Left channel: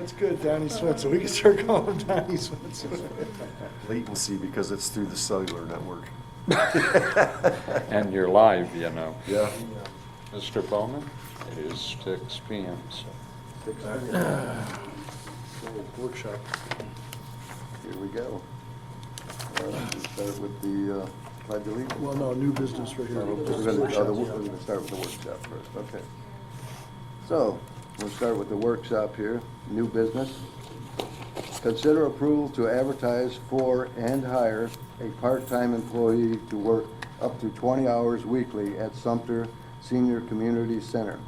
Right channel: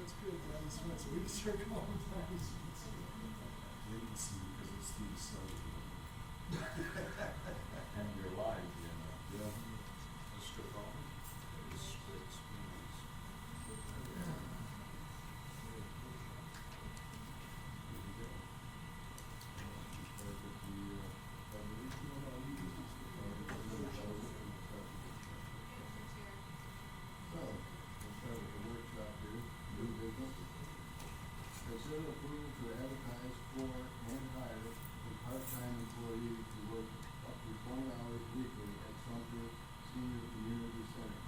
That's good, Donnie Switzer. We can start calling him Donnie Switzer. Latency because it's through the cellular network. And you're live, you know. Yeah. Mr. Bowman, it is 6 p.m. so. Workshop. Here we go. We start with the pledge of allegiance. Well, no, new business right here. We're gonna start with the workshop first, okay. So, we'll start with the workshop here, new business. Consider approval to advertise for and hire a part-time employee to work up to 20 hours weekly at Sumpter Senior Community Center.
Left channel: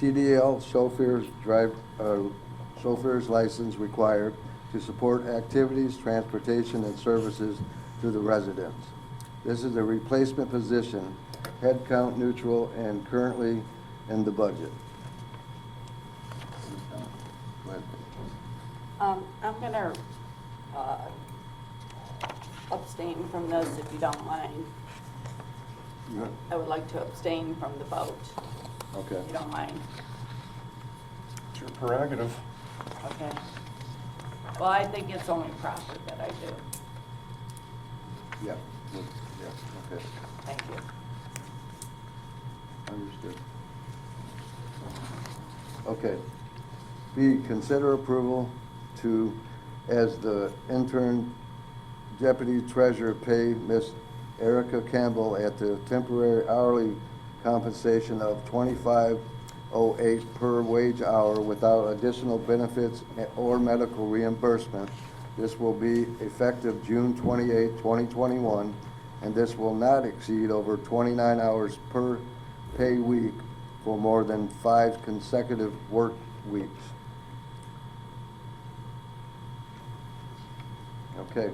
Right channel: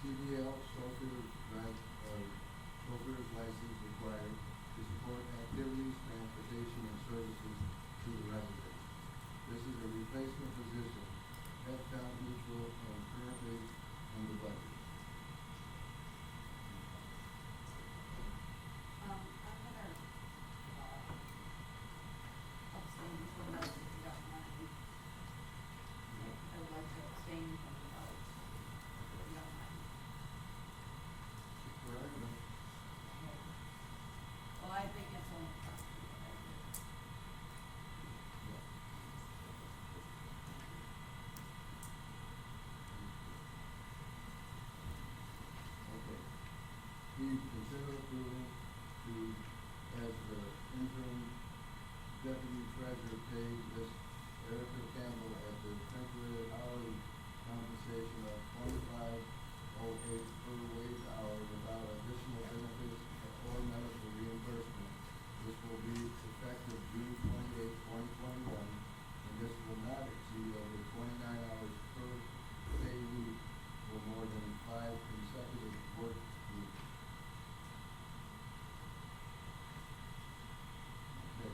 CDL chauffeur's license required to support activities, transportation, and services to the residents. This is a replacement position, head count neutral, and currently in the budget. Go ahead. I'm gonna abstain from this if you don't mind. I would like to abstain from the vote, Okay. if you don't mind. It's your prerogative. Okay. Well, I think it's only proper that I do. Yep. Yep, okay. Thank you. Understood. Okay. B, consider approval to, as the intern deputy treasurer, pay Miss Erica Campbell at the temporary hourly compensation of $25.08 per wage hour without additional benefits or medical reimbursement. This will be effective June 28, 2021, and this will not exceed over 29 hours per pay week for more than 5 consecutive work weeks. Okay.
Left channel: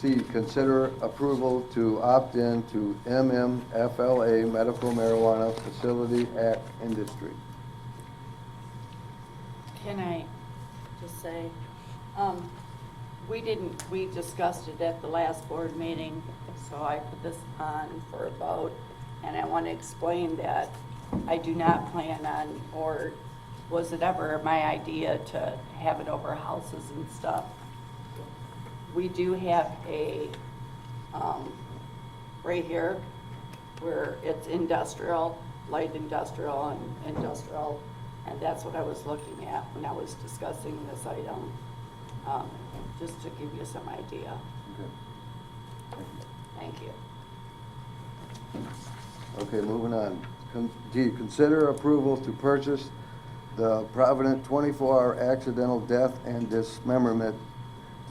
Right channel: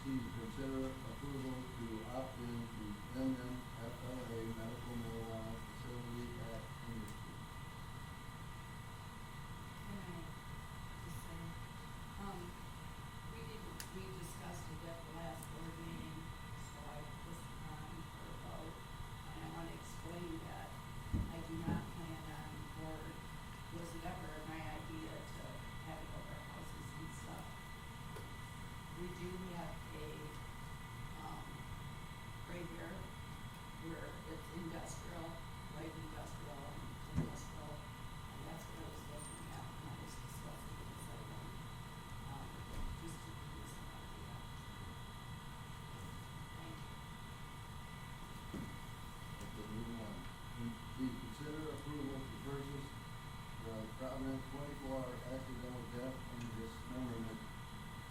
C, consider approval to opt in to MMFLA Medical Marijuana Facility Act Industry. Can I just say, we discussed it at the last board meeting, so I put this on for a vote, and I want to explain that I do not plan on, or was it ever my idea to have it over houses and stuff. We do have a, right here, where it's industrial, light industrial and industrial, and that's what I was looking at when I was discussing this item, just to give you some idea. Thank you. Okay, moving on. D, consider approval to purchase the Provident 24-hour accidental death and dismemberment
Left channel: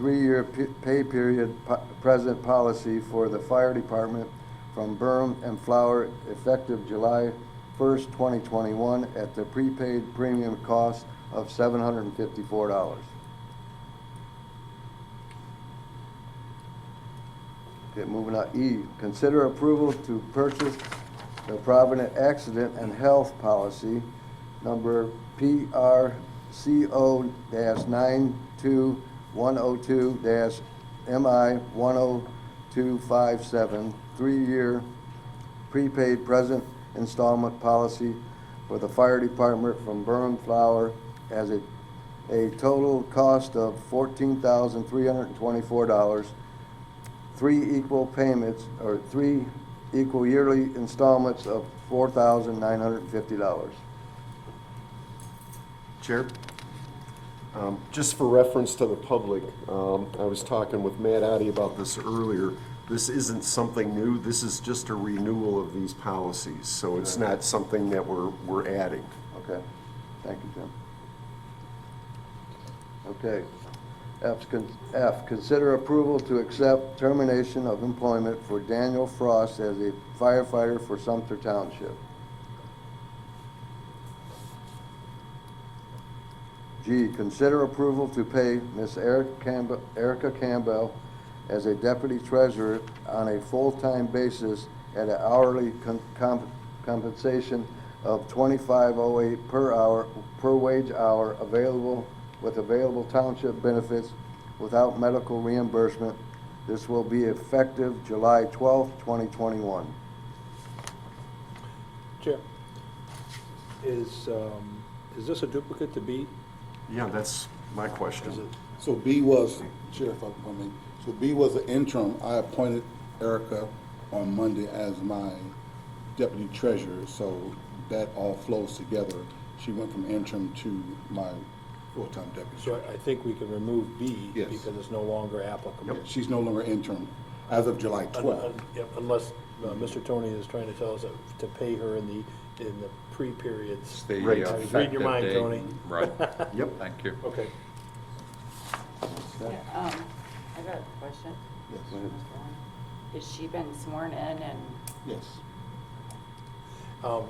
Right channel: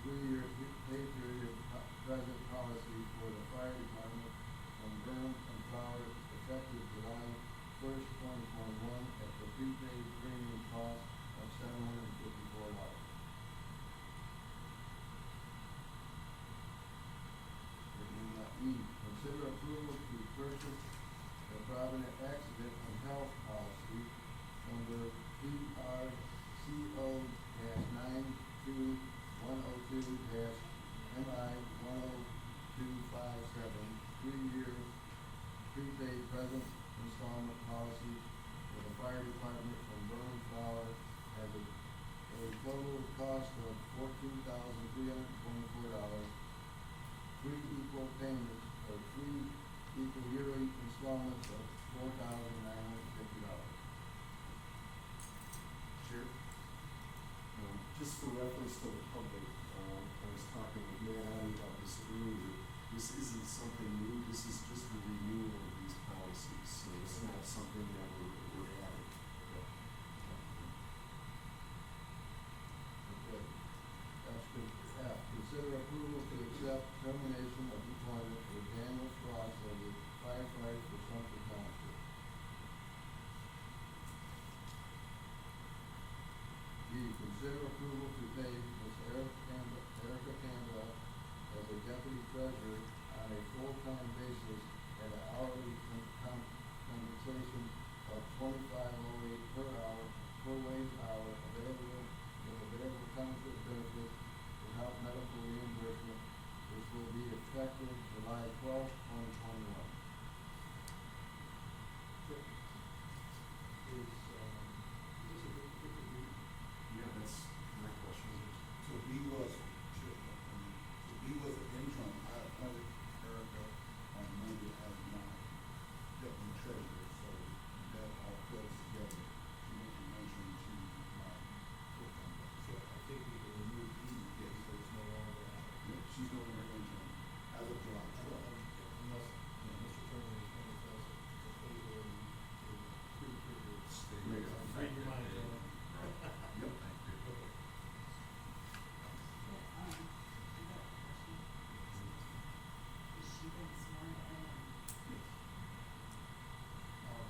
3-year pay period present policy for the fire department from Boardroom and Flower effective July 1st, 2021 at the prepaid premium cost of $754. Okay, moving on. E, consider approval to purchase the Provident accident and health policy number PRCO-92102-MI10257, 3-year prepaid present installment policy for the fire department from Boardroom Flower as a total cost of $14,324, 3 equal payments, or 3 equal yearly installments of $4,950. Chair, just for reference to the public, I was talking with Matt Addy about this earlier. This isn't something new. This is just a renewal of these policies, so it's not something that we're adding. Okay, thank you, Jim. Okay. F, consider approval to accept termination of employment for Daniel Frost as a firefighter for Sumpter Township. G, consider approval to pay Ms. Erica Campbell as a deputy treasurer on a full-time basis at an hourly compensation of $25.08 per hour per wage hour available township benefits without medical reimbursement. This will be effective July 12th, 2021. Chair, is this a duplicate to B? Yeah, that's my question. So B was, Sheriff, I mean, so B was an interim. I appointed Erica on Monday as my deputy treasurer, so that all flows together. She went from interim to my full-time deputy So treasurer. I think we can remove B Yes. because it's no longer applicable. Yeah, she's no longer interim as of July 12th. Yep, unless Mr. Tony is trying to tell us to pay her in the pre-periods. It's the Right. I was reading effective your mind, date. Tony. Right. Yep. Thank you. Okay. Yeah, I got a question. Yes. Go ahead. Has she been sworn in and, Yes.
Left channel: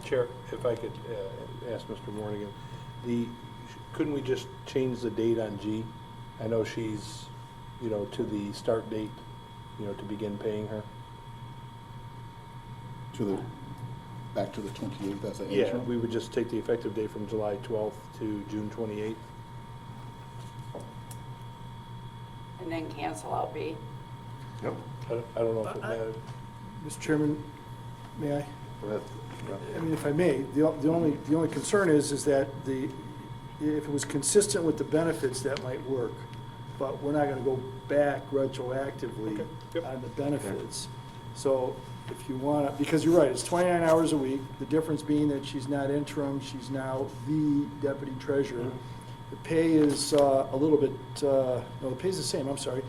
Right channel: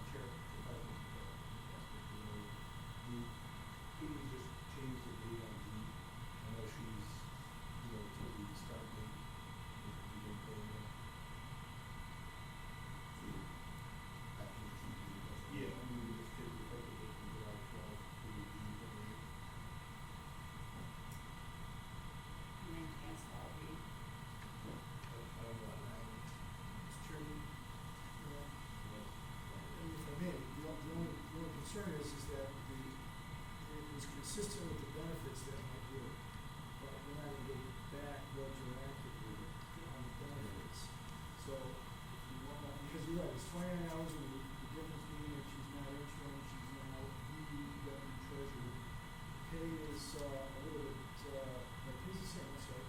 Chair, if I could ask Mr. Morgan, couldn't we just change the date on G? I know she's, to the start date, to begin paying her. Back to the 28th as an Yeah, interim? we would just take the effective date from July 12th to June 28th. and then cancel out B? Yep. I don't know if it matters. Mr. Chairman, may I? Go ahead. I mean, if I may, the only concern is that if it was consistent with the benefits, that might work. But we're not gonna go back retroactively Okay. Yep. on the benefits. So if you wanna, because you're right, it's 29 hours a week, the difference being that she's not interim, she's now the deputy treasurer. The pay is a little bit, no, the pay's the same, I'm sorry.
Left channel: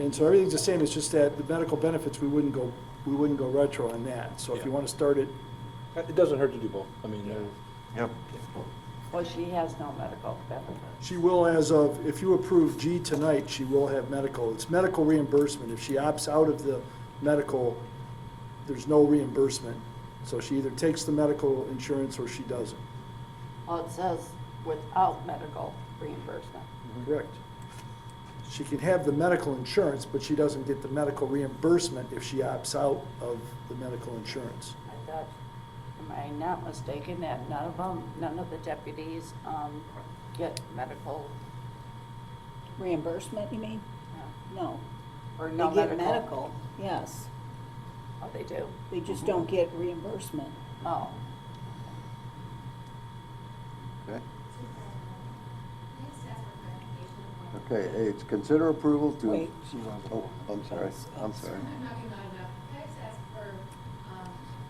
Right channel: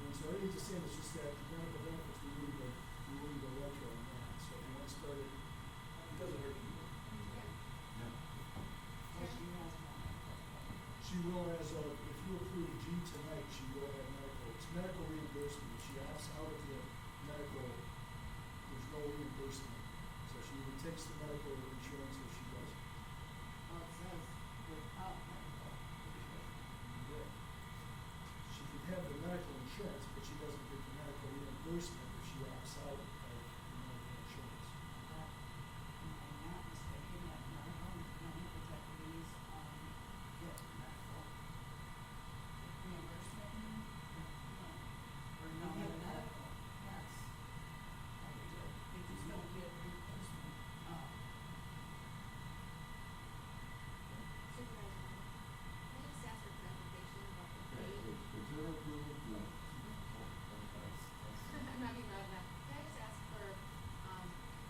And so everything's the same, it's just that the medical benefits, we wouldn't go retro on that. So if you Yeah. wanna start it, It doesn't hurt to do both. I mean, Yep. Well, she has no medical benefit. she will as of, if you approve G tonight, she will have medical. It's medical reimbursement. If she opts out of the medical, there's no reimbursement. So she either takes the medical insurance or she doesn't. Well, it says without medical reimbursement. Correct. She can have the medical insurance, but she doesn't get the medical reimbursement if she opts out of the medical insurance. I thought, am I not mistaken that none of the deputies, get medical, Reimbursement, you mean? No. or They no get medical, yes. Oh, they do? They just don't get reimbursement. Oh, Okay. Okay, H, consider approval to. Wait. Oh, I'm sorry, I'm sorry. I'm not being loud enough. Can I just ask for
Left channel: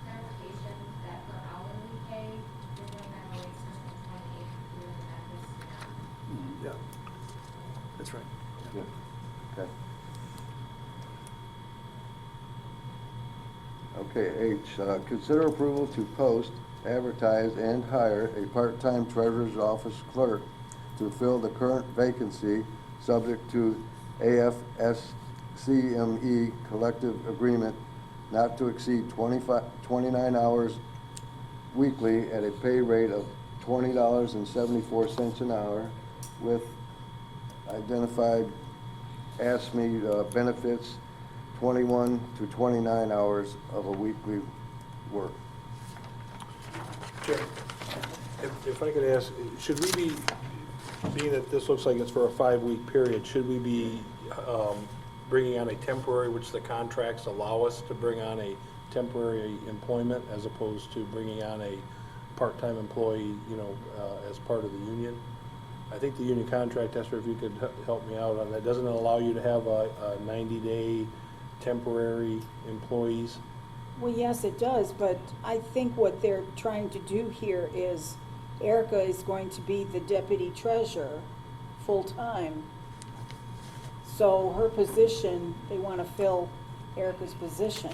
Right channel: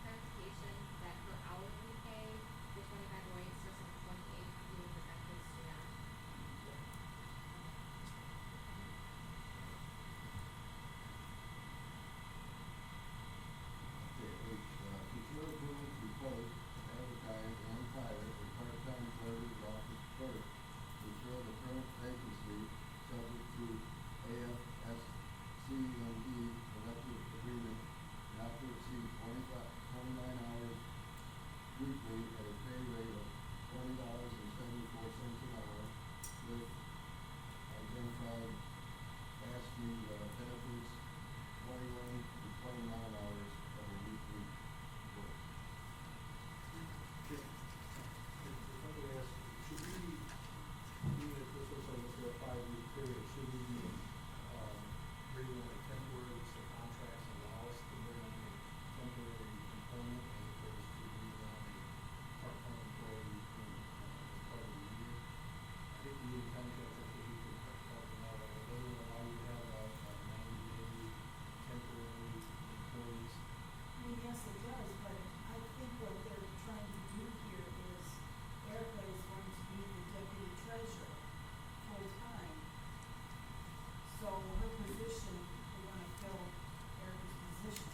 clarification that for hourly pay, the 25 rates versus the 28 including the benefits? Yeah. That's right. Okay. Okay, H, consider approval to post, advertise, and hire a part-time treasurer's office clerk to fill the current vacancy, subject to AFSCME collective agreement not to exceed 29 hours weekly at a pay rate of $20.74 an hour with identified ASME benefits, 21 to 29 hours of a weekly work. Chair, if I could ask, should we be, being that this looks like it's for a 5-week period, should we be bringing on a temporary, which the contracts allow us to bring on a temporary employment as opposed to bringing on a part-time employee, as part of the union? I think the union contract, Esther, if you could help me out on that, doesn't it allow you to have a 90-day temporary employees? Well, yes, it does, but I think what they're trying to do here is Erica is going to be the deputy treasurer full-time. So her position, they want to fill Erica's position.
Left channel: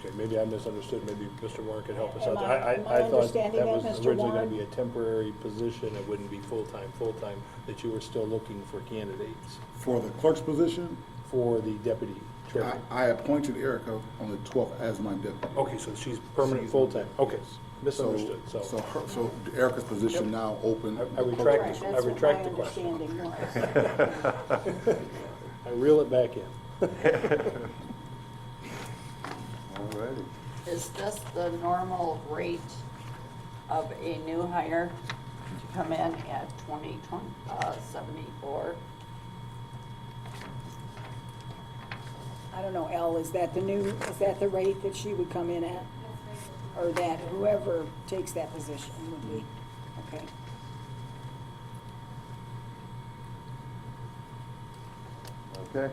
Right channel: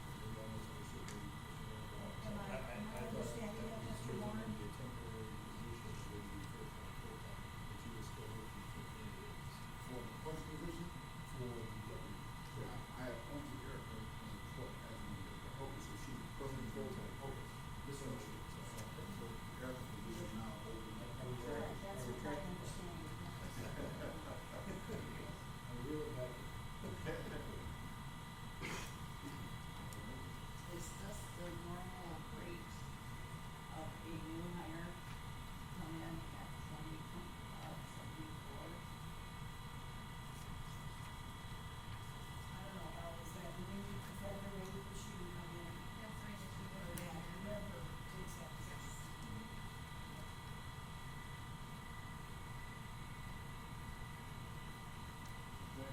Okay, maybe I misunderstood, maybe Mr. Warren could help us Am out. I I thought understanding that that, was Mr. originally gonna Warren? be a temporary position, it wouldn't be full-time, that you were still looking for candidates For the clerk's position, for the deputy treasurer. I appointed Erica on the 12th as my deputy. Okay, so she's permanent, fulltain, okay, misunderstood, so. So Erica's position Yep. now open. I retract Right, this. that's what retract my the question. understanding was. I reel it back in. Alrighty. is this the normal rate of a new hire to come in at 74? I don't know, Elle, is that the rate that she would come in at? Or that whoever takes that position would be? Okay. Okay.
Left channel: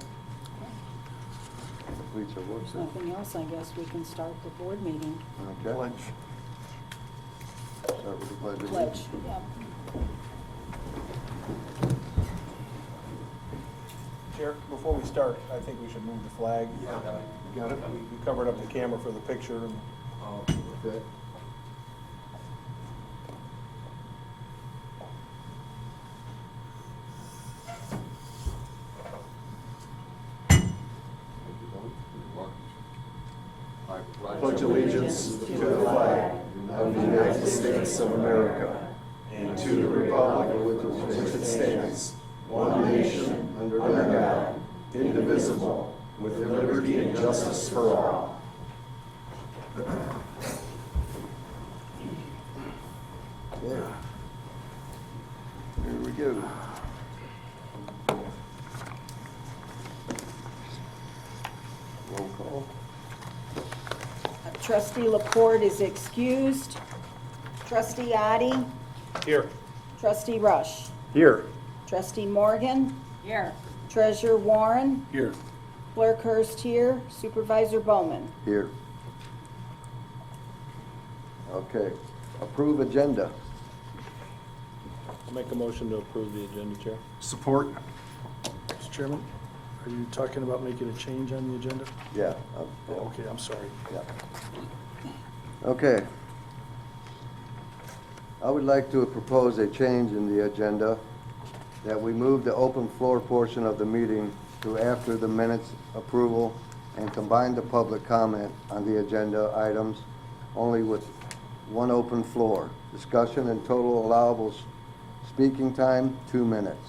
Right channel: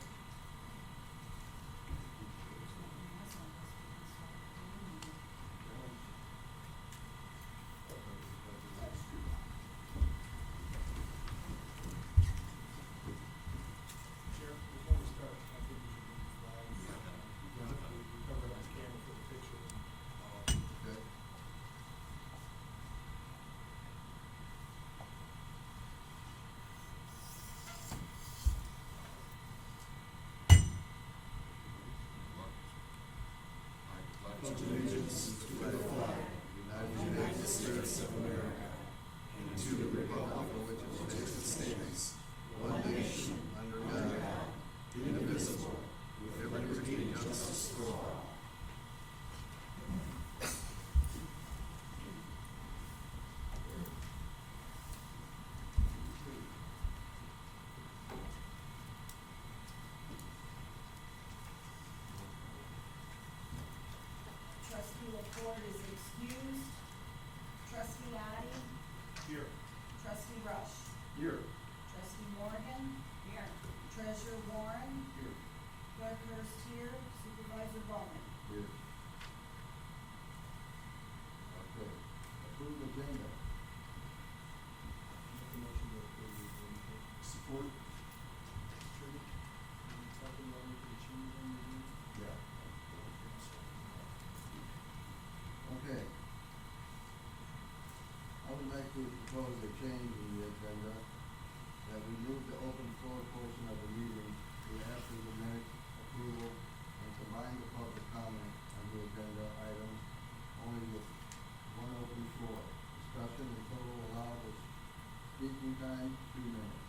Completes our work There's session. nothing else, I guess we can start the board meeting. Okay. Pledge. Start with the pledge of Pledge, allegiance. yeah. Chair, before we start, I think we should move the flag. Got it? We covered up the camera for the picture and Okay. Pledge allegiance to the flag of the United States of America and to the republic for which it stands, one nation, under God, indivisible, with liberty and justice for all. Yeah. Here we go. Roll call. Trustee Laporte is excused. Trustee Addy, here. trustee Rush, Here. trustee Morgan, Here. treasurer Warren, Here. clerk Hurst here, supervisor Bowman. Here. Okay. Approve agenda. I'll make a motion to approve the agenda, Chair. Support. Mr. Chairman, are you talking about making a change on the agenda? Yeah. Oh, okay, I'm sorry. Yeah. Okay. I would like to propose a change in the agenda, that we move the open floor portion of the meeting to after the minutes approval and combine the public comment on the agenda items only with one open floor. Discussion and total allowable speaking time, 2 minutes.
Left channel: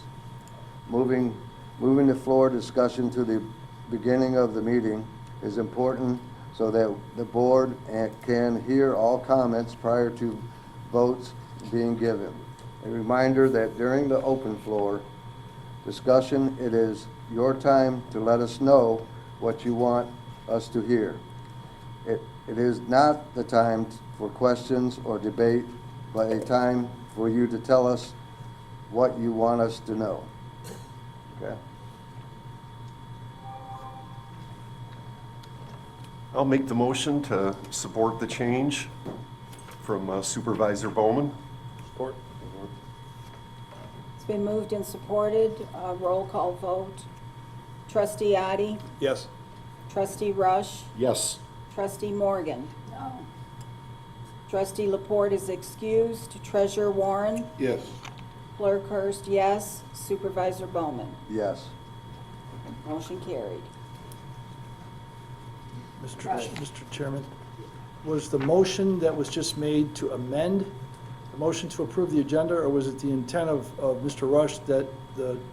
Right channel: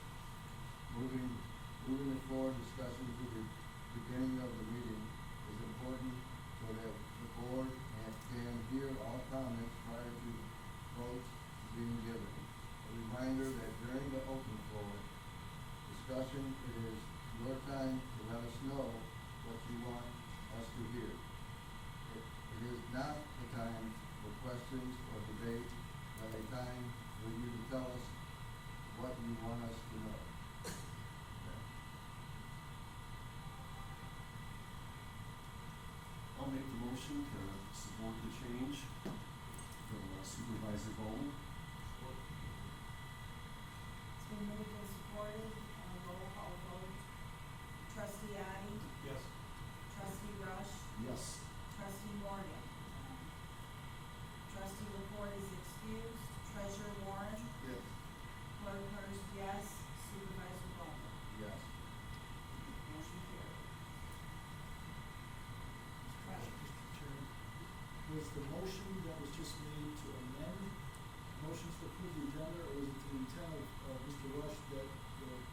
Moving the floor discussion to the beginning of the meeting is important so that the board can hear all comments prior to votes being given. A reminder that during the open floor discussion, it is your time to let us know what you want us to hear. It is not the time for questions or debate, but a time for you to tell us what you want us to know. Okay? I'll make the motion to support the change from Supervisor Bowman. Support? It's been moved and supported, roll call vote. Trustee Addy, Yes. trustee Rush, Yes. trustee Morgan, No. trustee Laporte is excused, treasurer Warren, Yes. clerk Hurst, yes, supervisor Bowman. Yes. Motion carried. Mr. Chairman, was the motion that was just made to amend the motion to approve the agenda, or was it the intent of Mr. Rush that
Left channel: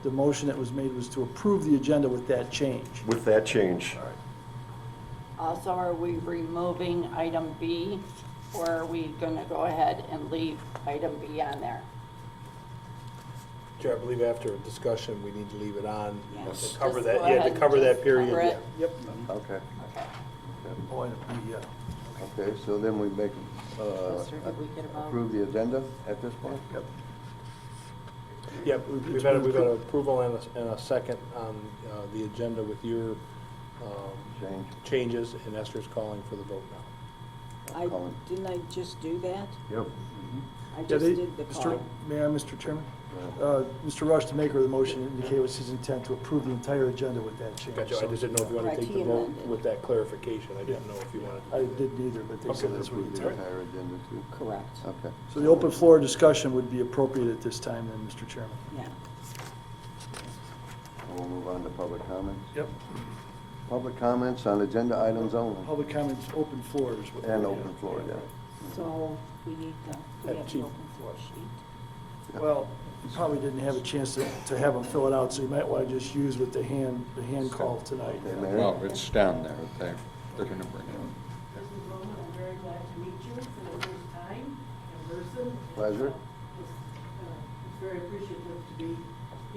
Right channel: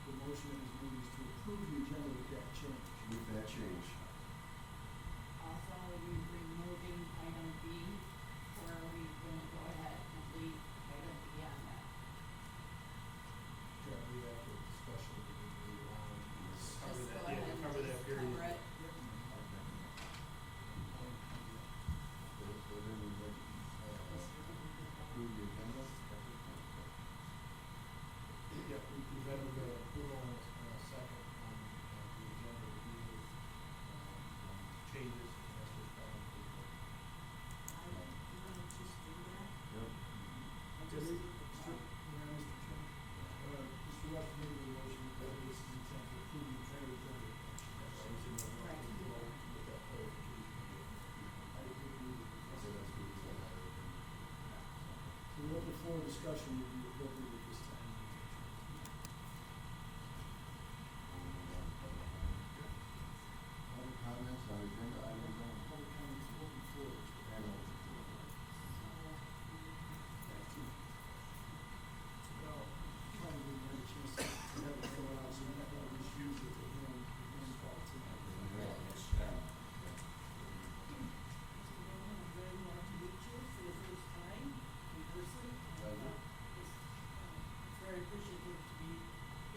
the motion that was made was to approve the agenda with that change? With that change. Also, are we removing item B, or are we gonna go ahead and leave item B on there? Chair, I believe after a discussion, we need to leave it on Yes. to cover Just that, go yeah, ahead to and cover that just period. cover yeah. it. Yep. Okay. Oh, I- yeah. Okay, so then we make, Yes, sir, did we get a vote? approve the agenda at this point? Yep. Yeah, we've had approval and a second on the agenda with your Change. changes, and Esther's calling for the vote now. Didn't I just do that? Yep. I Yeah, just they- did the Mr. call. May I, Mr. Chairman? Mr. Rush, the maker of the motion, indicated it was his intent to approve the entire agenda with that change. Gotcha, I just didn't know if you wanted to Right, take he the vote amended. with that clarification, I didn't know if you wanted. I didn't either, but they said Okay. that's what Approve he the intended. entire agenda too? Correct, Okay. So the open floor discussion would be appropriate at this time then, Mr. Chairman. yeah. We'll move on to public comments. Yep. Public comments on agenda items only. Public comments, open floors. And open floor, yeah. So we need the, we have the Chief. open floor sheet. Well, you probably didn't have a chance to have them fill it out, so you might want to just use with the hand call tonight. Okay, Mayor? Well, it's down there, they're gonna bring it. Mrs. Bowman, I'm very glad to meet you for the first time in person. Pleasure. It's very appreciative to be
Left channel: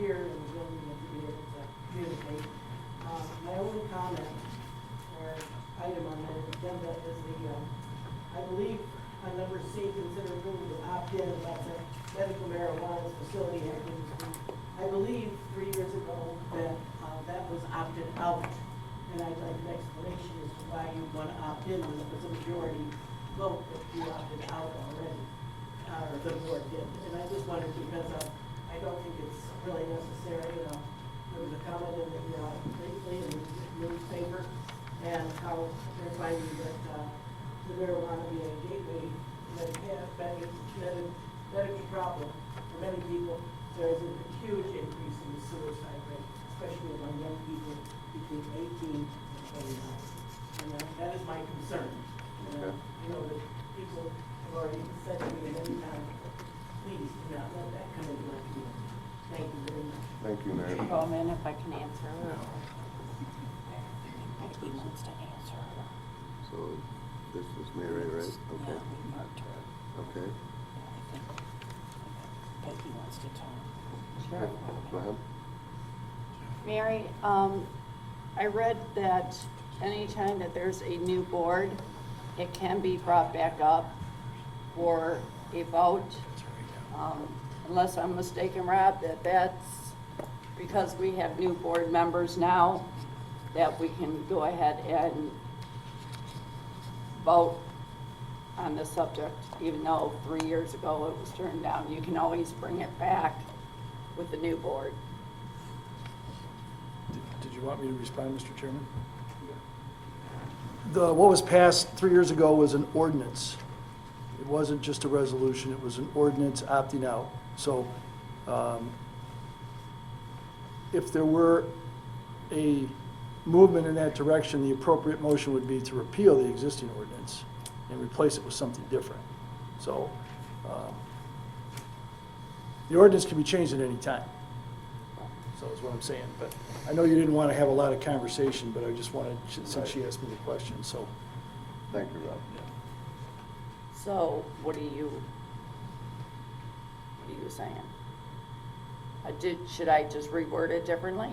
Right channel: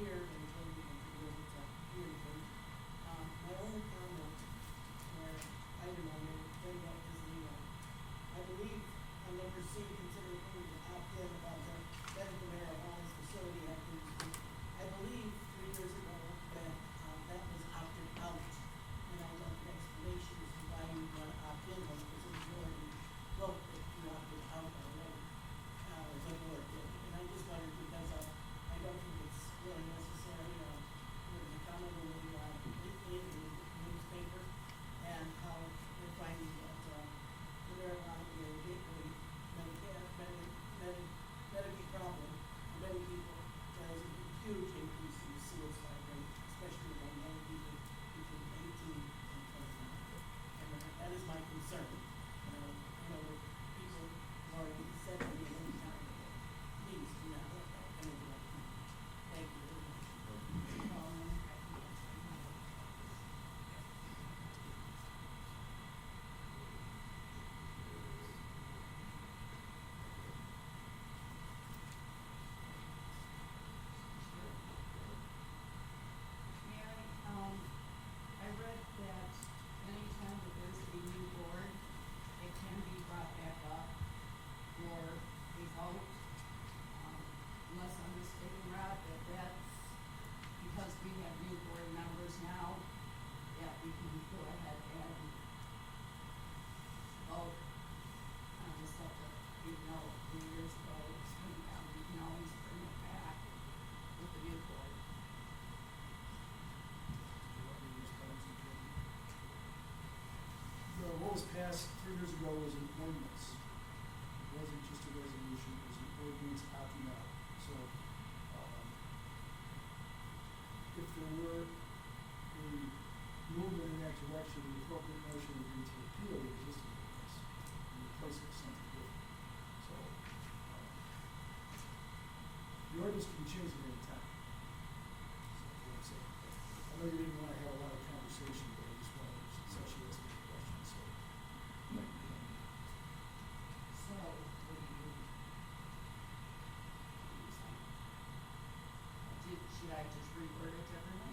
here in the building and to be able to communicate. My only comment or item on the agenda is I believe on number C, consider approval to opt in about the medical marijuana facility activity. I believe 3 years ago that that was Thank you, Mary. Bowman, if I can answer her. He wants to answer her. So this is Mary, right? Yeah, Okay. we marked her. Okay. But he wants to talk. Go ahead. Mary, I read that anytime that there's a new board, it can be brought back up for a vote. Unless I'm mistaken, Rob, that's because we have new board members now, that we can go ahead and vote on the subject, even though 3 years ago it was turned down. You can always bring it back with the new board. Did you want me to respond, Mr. Chairman? What was passed 3 years ago was an ordinance. It wasn't just a resolution, it was an ordinance opting out. So, if there were a movement in that direction, the appropriate motion would be to repeal the existing ordinance and replace it with something different. So, the ordinance can be changed at any time. So is what I'm saying, but I know you didn't want to have a lot of conversation, but I just wanted, since she asked me the question, so. Thank you, Rob. So what are you saying? Should I just reword it differently?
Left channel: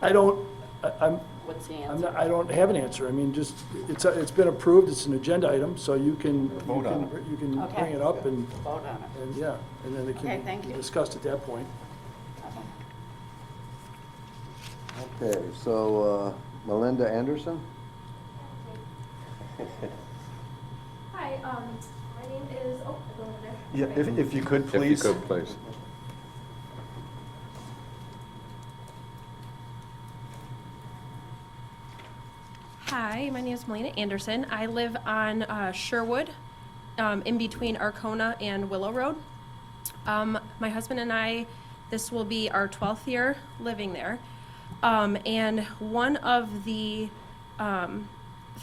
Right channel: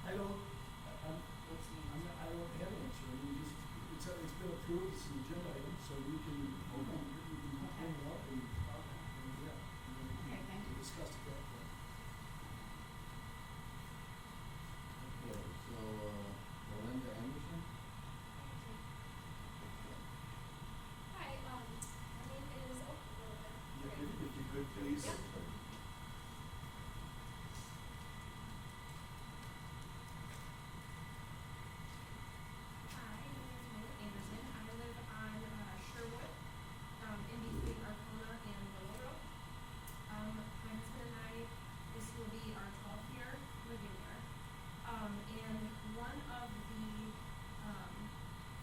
I'm, What's the I'm answer? not, I don't have an answer. I mean, just, it's been approved, it's an agenda item, so you can, Vote on you can Okay. bring it up and, Vote on it. and yeah, and then it Okay, can thank be you. discussed at that point. Okay. Okay, so Melinda Anderson? Hi, my name is, oh, I go over there. Yeah, Okay. if you could, If you please. could, please. Hi, my name is Melina Anderson. I live on Sherwood, in between Arcona and Willow Road. My husband and I, this will be our 12th year living there. And one of the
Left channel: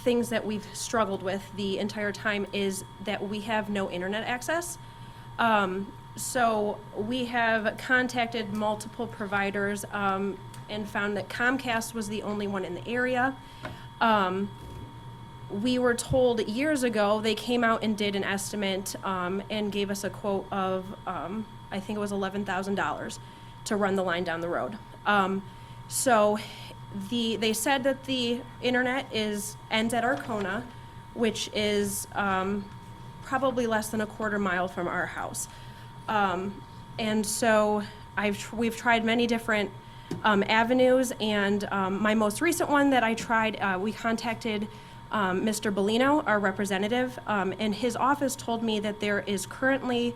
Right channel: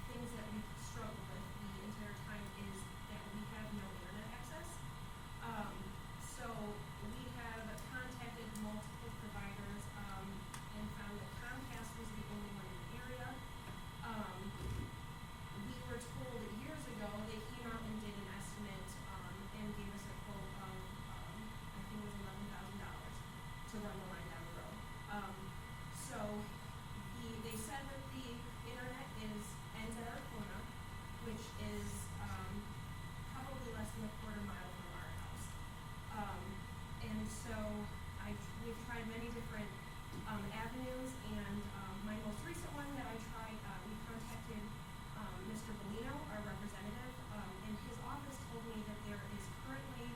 things that we've struggled with the entire time is that we have no internet access. So we have contacted multiple providers and found that Comcast was the only one in the area. We were told years ago, they came out and did an estimate and gave us a quote of, I think it was $11,000 to run the line down the road. So they said that the internet ends at Arcona, which is probably less than a quarter mile from our house. And so we've tried many different avenues, and my most recent one that I tried, we contacted Mr. Bellino, our representative, and his office told me that there is currently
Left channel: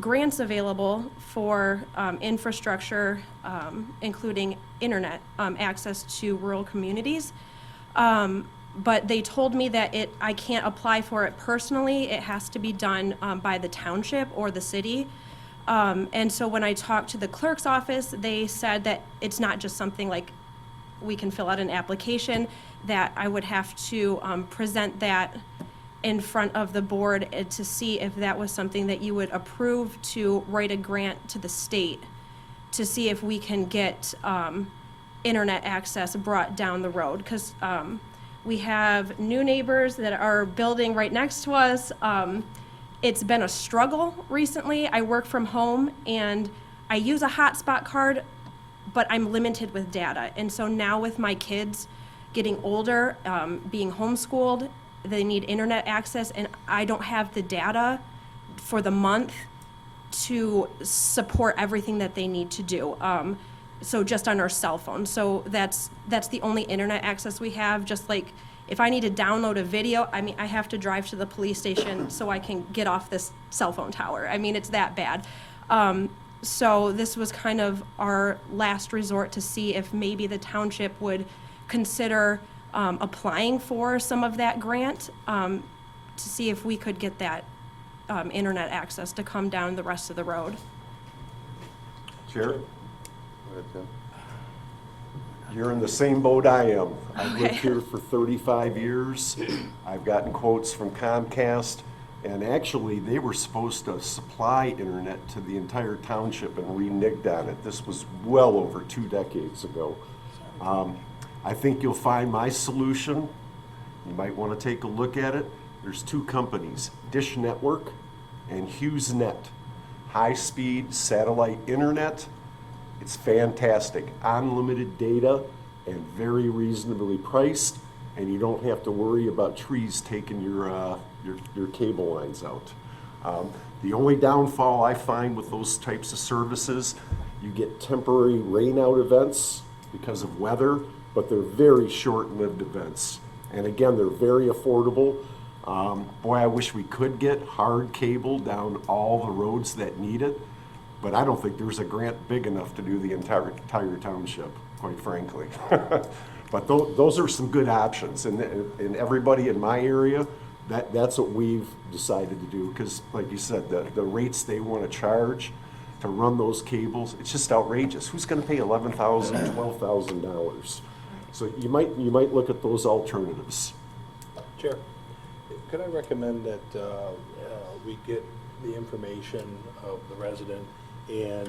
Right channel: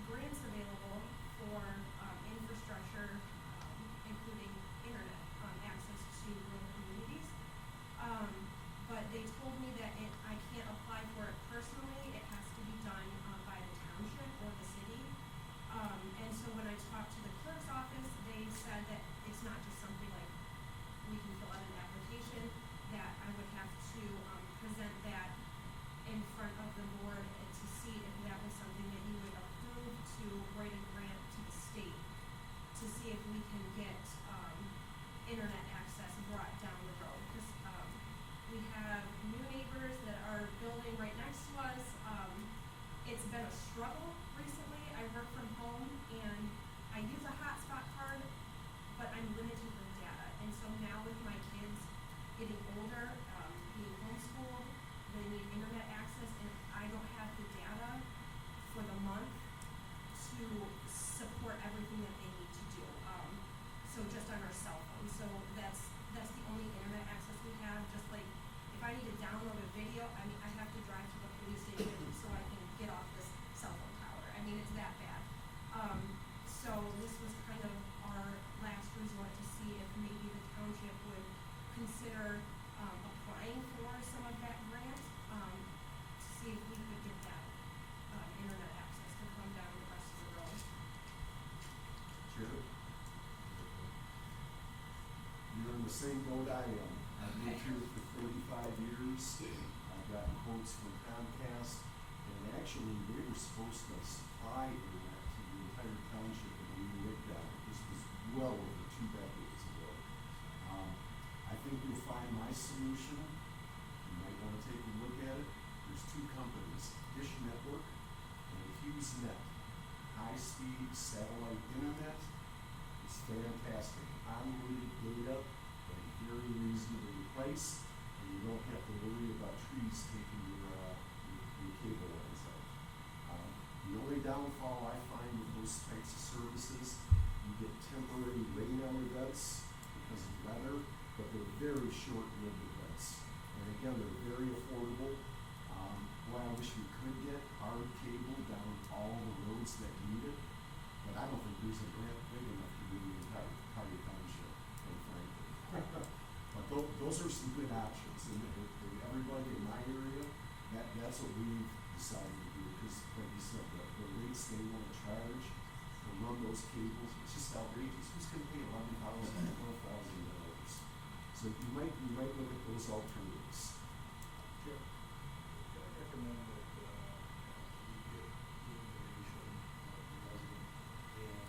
grants available for infrastructure, including internet access to rural communities. But they told me that I can't apply for it personally. It has to be done by the township or the city. And so when I talked to the clerk's office, they said that it's not just something like we can fill out an application, that I would have to present that in front of the board to see if that was something that you would approve to write a grant to the state to see if we can get internet access brought down the road. Because we have new neighbors that are building right next to us. It's been a struggle recently. I work from home and I use a hotspot card, but I'm limited with data. And so now with my kids getting older, being homeschooled, they need internet access, and I don't have the data for the month to support everything that they need to do. So just on our cell phone. So that's the only internet access we have. Just like if I need to download a video, I mean, I have to drive to the police station so I can get off this cell phone tower. I mean, it's that bad. So this was kind of our last resort to see if maybe the township would consider applying for some of that grant to see if we could get that internet access to come down the rest of the road. Chair, Go ahead, Tim. you're in the same boat I am. I've lived Okay. here for 35 years. I've gotten quotes from Comcast, And actually, they were supposed to supply internet to the entire township, and we nigged on it. This was well over 2 decades ago. I think you'll find my solution. You might want to take a look at it. There's 2 companies, Dish Network and HughesNet. High-speed satellite internet. It's fantastic. Unlimited data and very reasonably priced, and you don't have to worry about trees taking your cable lines out. The only downfall I find with those types of services, you get temporary rainout events because of weather, but they're very short-lived events. And again, they're very affordable. Boy, I wish we could get hard cable down all the roads that need it, but I don't think there's a grant big enough to do the entire township, quite frankly. But those are some good options, and everybody in my area, that's what we've decided to do, because like you said, the rates they want to charge to run those cables, it's just outrageous. Who's going to pay $11,000, $12,000? So you might look at those alternatives. Chair, could I recommend that we get the information of the resident and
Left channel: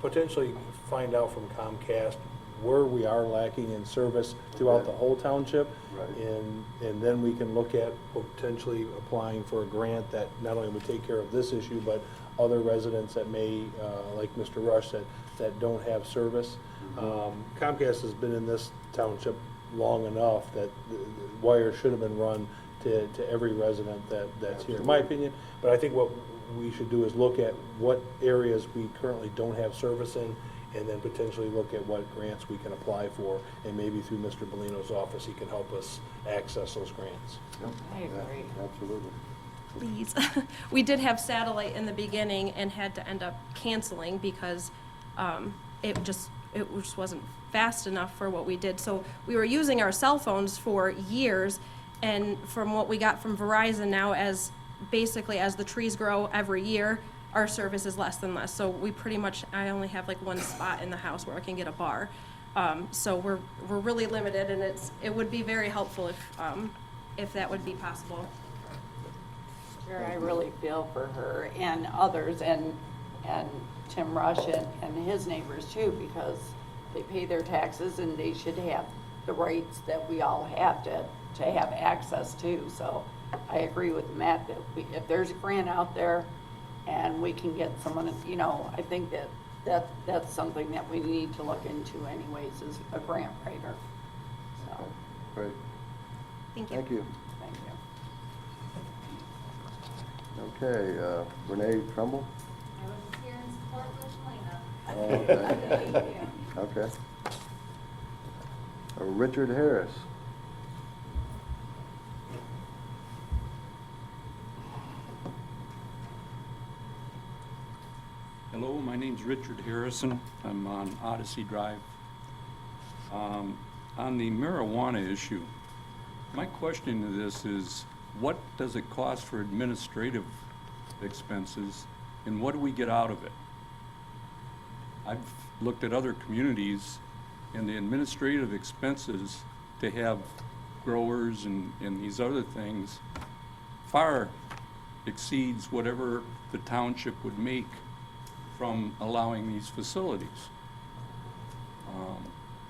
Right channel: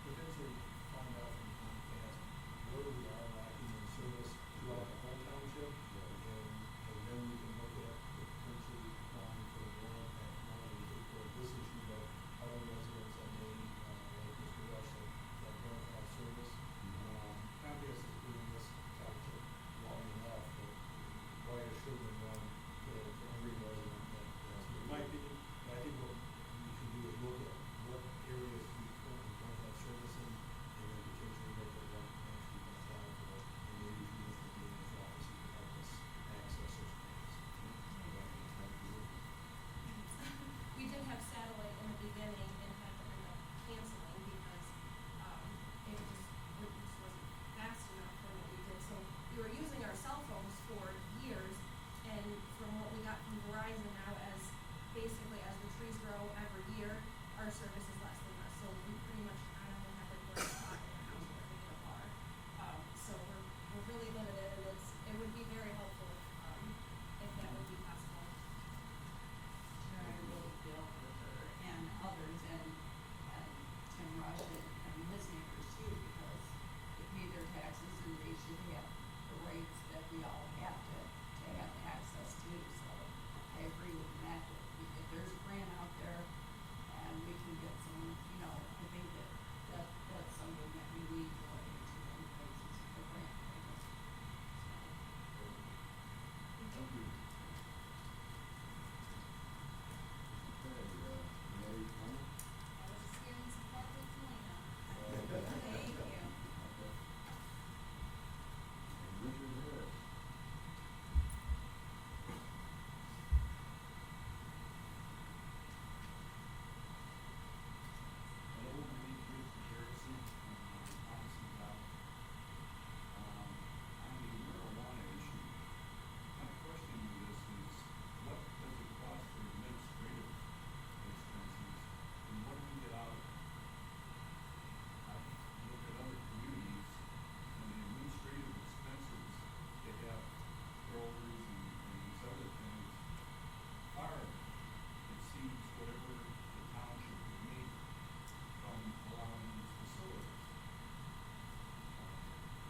potentially find out from Comcast where we are lacking in service throughout the whole township? Right. And then we can look at potentially applying for a grant that not only would take care of this issue, but other residents that may, like Mr. Rush said, that don't have service. Comcast has been in this township long enough that the wire should have been run to every resident that's here, in my opinion. But I think what we should do is look at what areas we currently don't have service in, and then potentially look at what grants we can apply for, and maybe through Mr. Bellino's office, he can help us access those grants. I agree. Absolutely. Please. We did have satellite in the beginning and had to end up canceling because it just wasn't fast enough for what we did. So we were using our cell phones for years, and from what we got from Verizon now, as the trees grow every year, our service is less and less. So I only have like one spot in the house where I can get a bar. So we're really limited, and it would be very helpful if that would be possible. Sure, I really feel for her and others, and Tim Rush and his neighbors too, because they pay their taxes and they should have the rights that we all have to have access to. So I agree with Matt that if there's a grant out there and we can get someone, I think that's something that we need to look into anyways, is a grant writer. So, Great. Thank you. Thank you. thank you. Okay, Renee Trumbull? I was just here in support of Lena. Oh, okay. Thank you. Okay. Richard Harris? Hello, my name's Richard Harrison. I'm on Odyssey Drive. On the marijuana issue, my question to this is, what does it cost for administrative expenses, and what do we get out of it? I've looked at other communities, and the administrative expenses to have growers and these other things far exceeds whatever the township would make from allowing these facilities.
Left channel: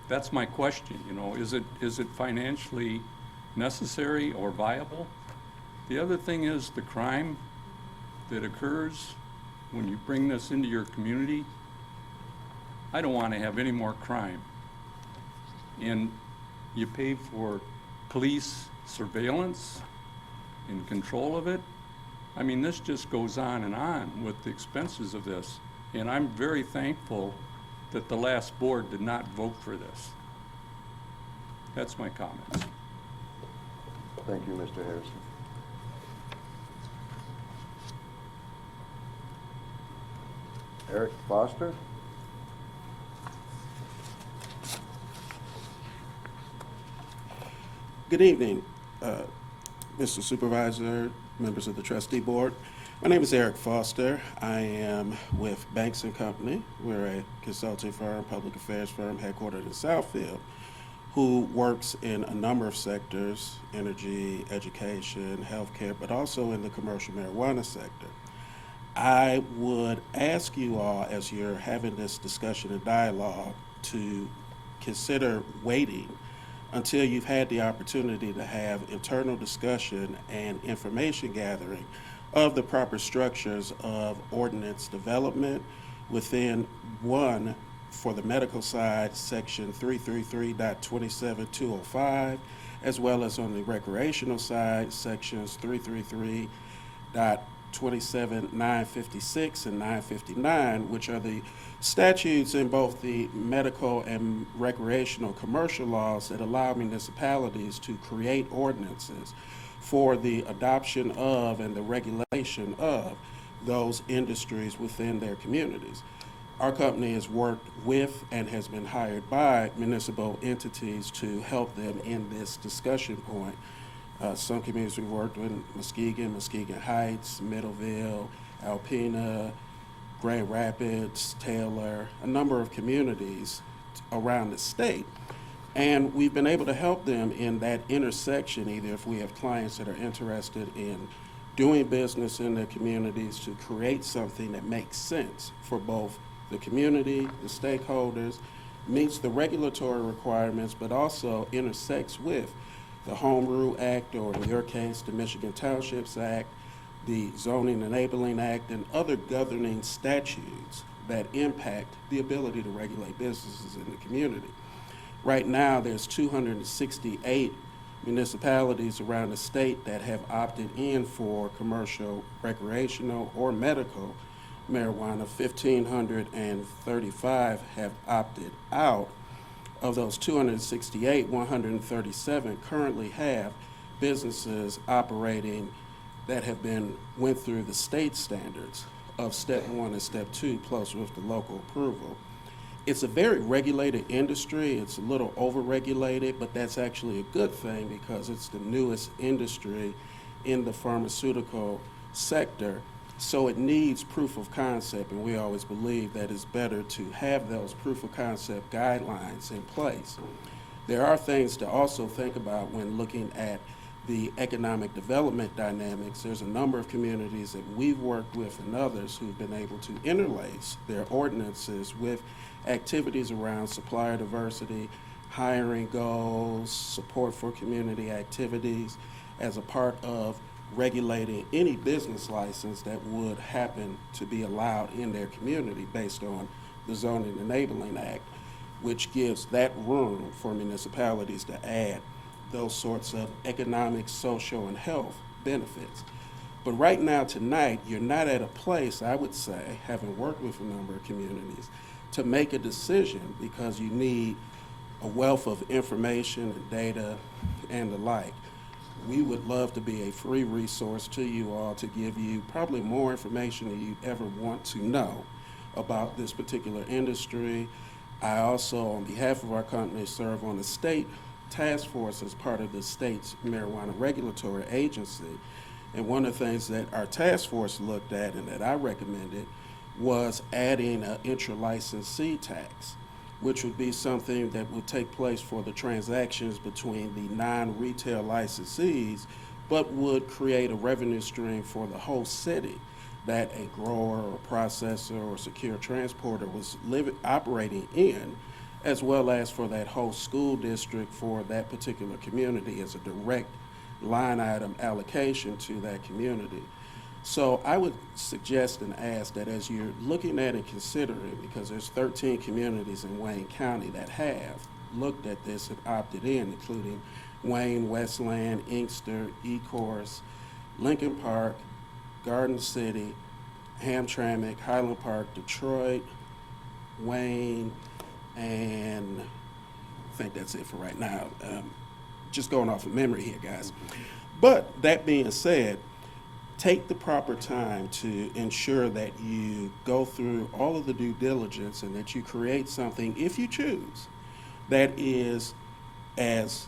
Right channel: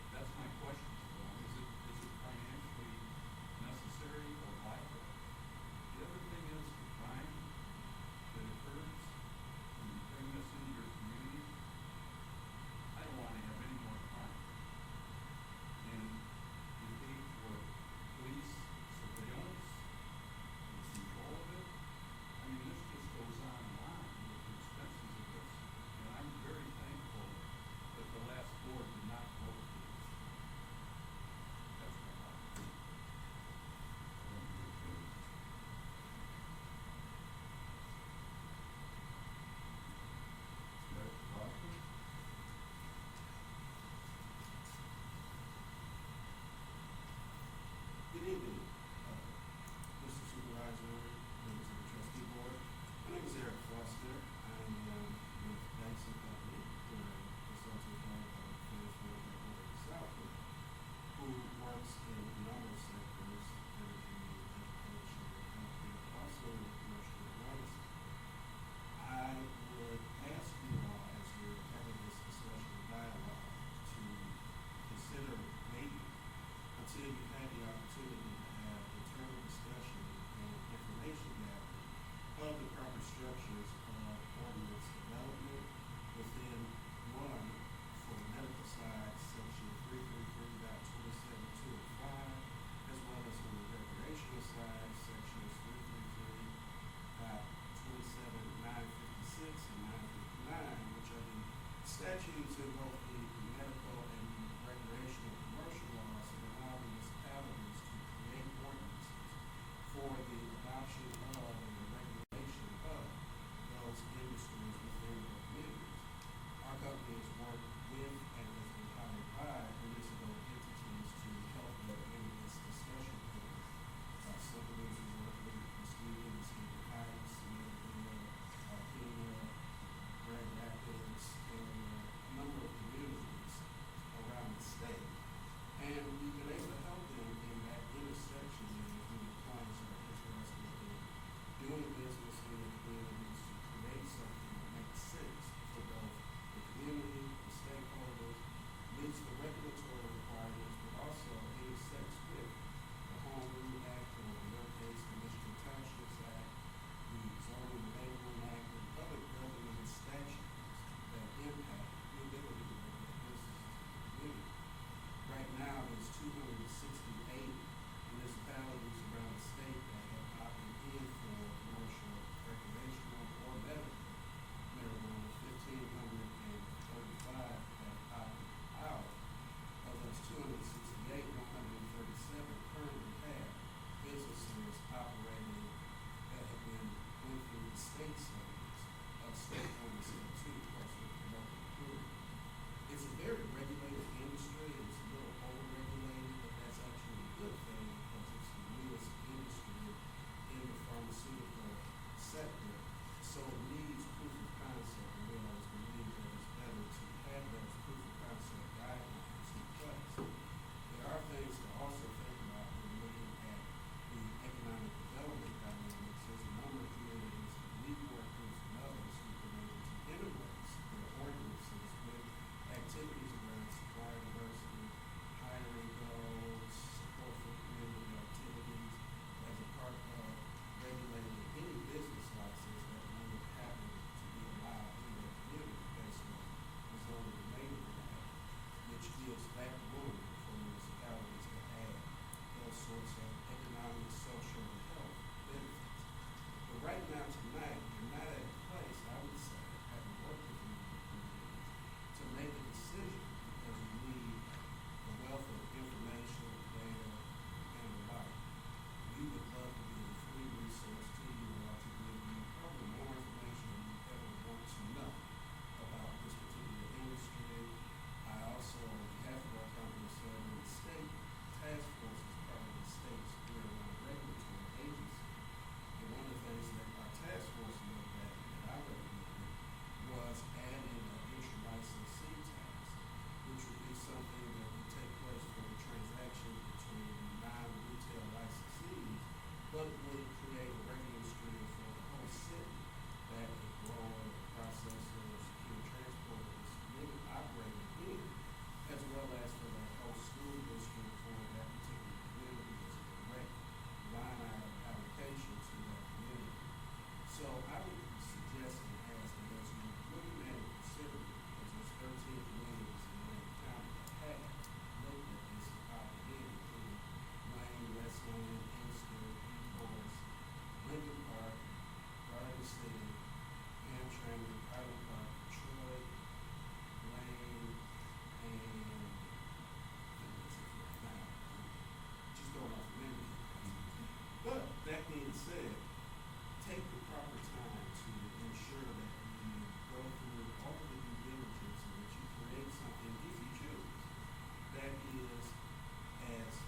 That's my question, is it financially necessary or viable? The other thing is the crime that occurs when you bring this into your community. I don't want to have any more crime. And you pay for police surveillance and control of it. I mean, this just goes on and on with the expenses of this. And I'm very thankful that the last board did not vote for this. That's my comments. Thank you, Mr. Harrison. Eric Foster? Good evening, Mr. Supervisor, members of the trustee board. My name is Eric Foster. I am with Banks & Company. We're a consulting firm, public affairs firm headquartered in Southfield. who works in a number of sectors, energy, education, healthcare, but also in the commercial marijuana sector. I would ask you all, as you're having this discussion and dialogue, to consider waiting until you've had the opportunity to have internal discussion and information gathering of the proper structures of ordinance development within one, for the medical side, section 333.27205, as well as on the recreational side, sections 333.27956 and 959, which are the statutes in both the medical and recreational commercial laws that allow municipalities to create ordinances for the adoption of and the regulation of those industries within their communities. Our company has worked with and has been hired by municipal entities to help them in this discussion point. Some communities we worked with: Muskegon, Muskegon Heights, Middleville, Alpena, Grand Rapids, Taylor, a number of communities around the state. And we've been able to help them in that intersection, either if we have clients that are interested in doing business in their communities, to create something that makes sense for both the community, the stakeholders, meets the regulatory requirements, but also intersects with the Home Rule Act, or in your case, the Michigan Townships Act, the Zoning Enabling Act, and other governing statutes that impact the ability to regulate businesses in the community. Right now, there's 268 municipalities around the state that have opted in for commercial, recreational, or medical marijuana. 1,535 have opted out. Of those 268, 137 currently have businesses operating that have went through the state standards of step 1 and step 2, plus with the local approval. It's a very regulated industry. It's a little over-regulated, but that's actually a good thing because it's the newest industry in the pharmaceutical sector. So it needs proof of concept, and we always believe that it's better to have those proof of concept guidelines in place. There are things to also think about when looking at the economic development dynamics. There's a number of communities that we've worked with and others who've been able to interlace their ordinances with activities around supplier diversity, hiring goals, support for community activities as a part of regulating any business license that would happen to be allowed in their community based on the Zoning Enabling Act, which gives that room for municipalities to add those sorts of economic, social, and health benefits. But right now, tonight, you're not at a place, I would say, having worked with a number of communities, to make a decision because you need a wealth of information and data and the like. We would love to be a free resource to you all to give you probably more information than you'd ever want to know about this particular industry. I also, on behalf of our company, serve on the state task force as part of the state's marijuana regulatory agency. And one of the things that our task force looked at and that I recommended was adding an intra-licensee tax, which would be something that would take place for the transactions between the non-retail licensees, but would create a revenue stream for the whole city that a grower or processor or secure transporter was operating in, as well as for that whole school district for that particular community as a direct line item allocation to that community. So I would suggest and ask that as you're looking at and considering, because there's 13 communities in Wayne County that have looked at this and opted in, including Wayne, Westland, Inkster, Ecorse, Lincoln Park, Garden City, Hamtramck, Highland Park, Detroit, Wayne, and I think that's it for right now. Just going off of memory here, guys. But that being said, take the proper time to ensure that you go through all of the due diligence and that you create something, if you choose, that is as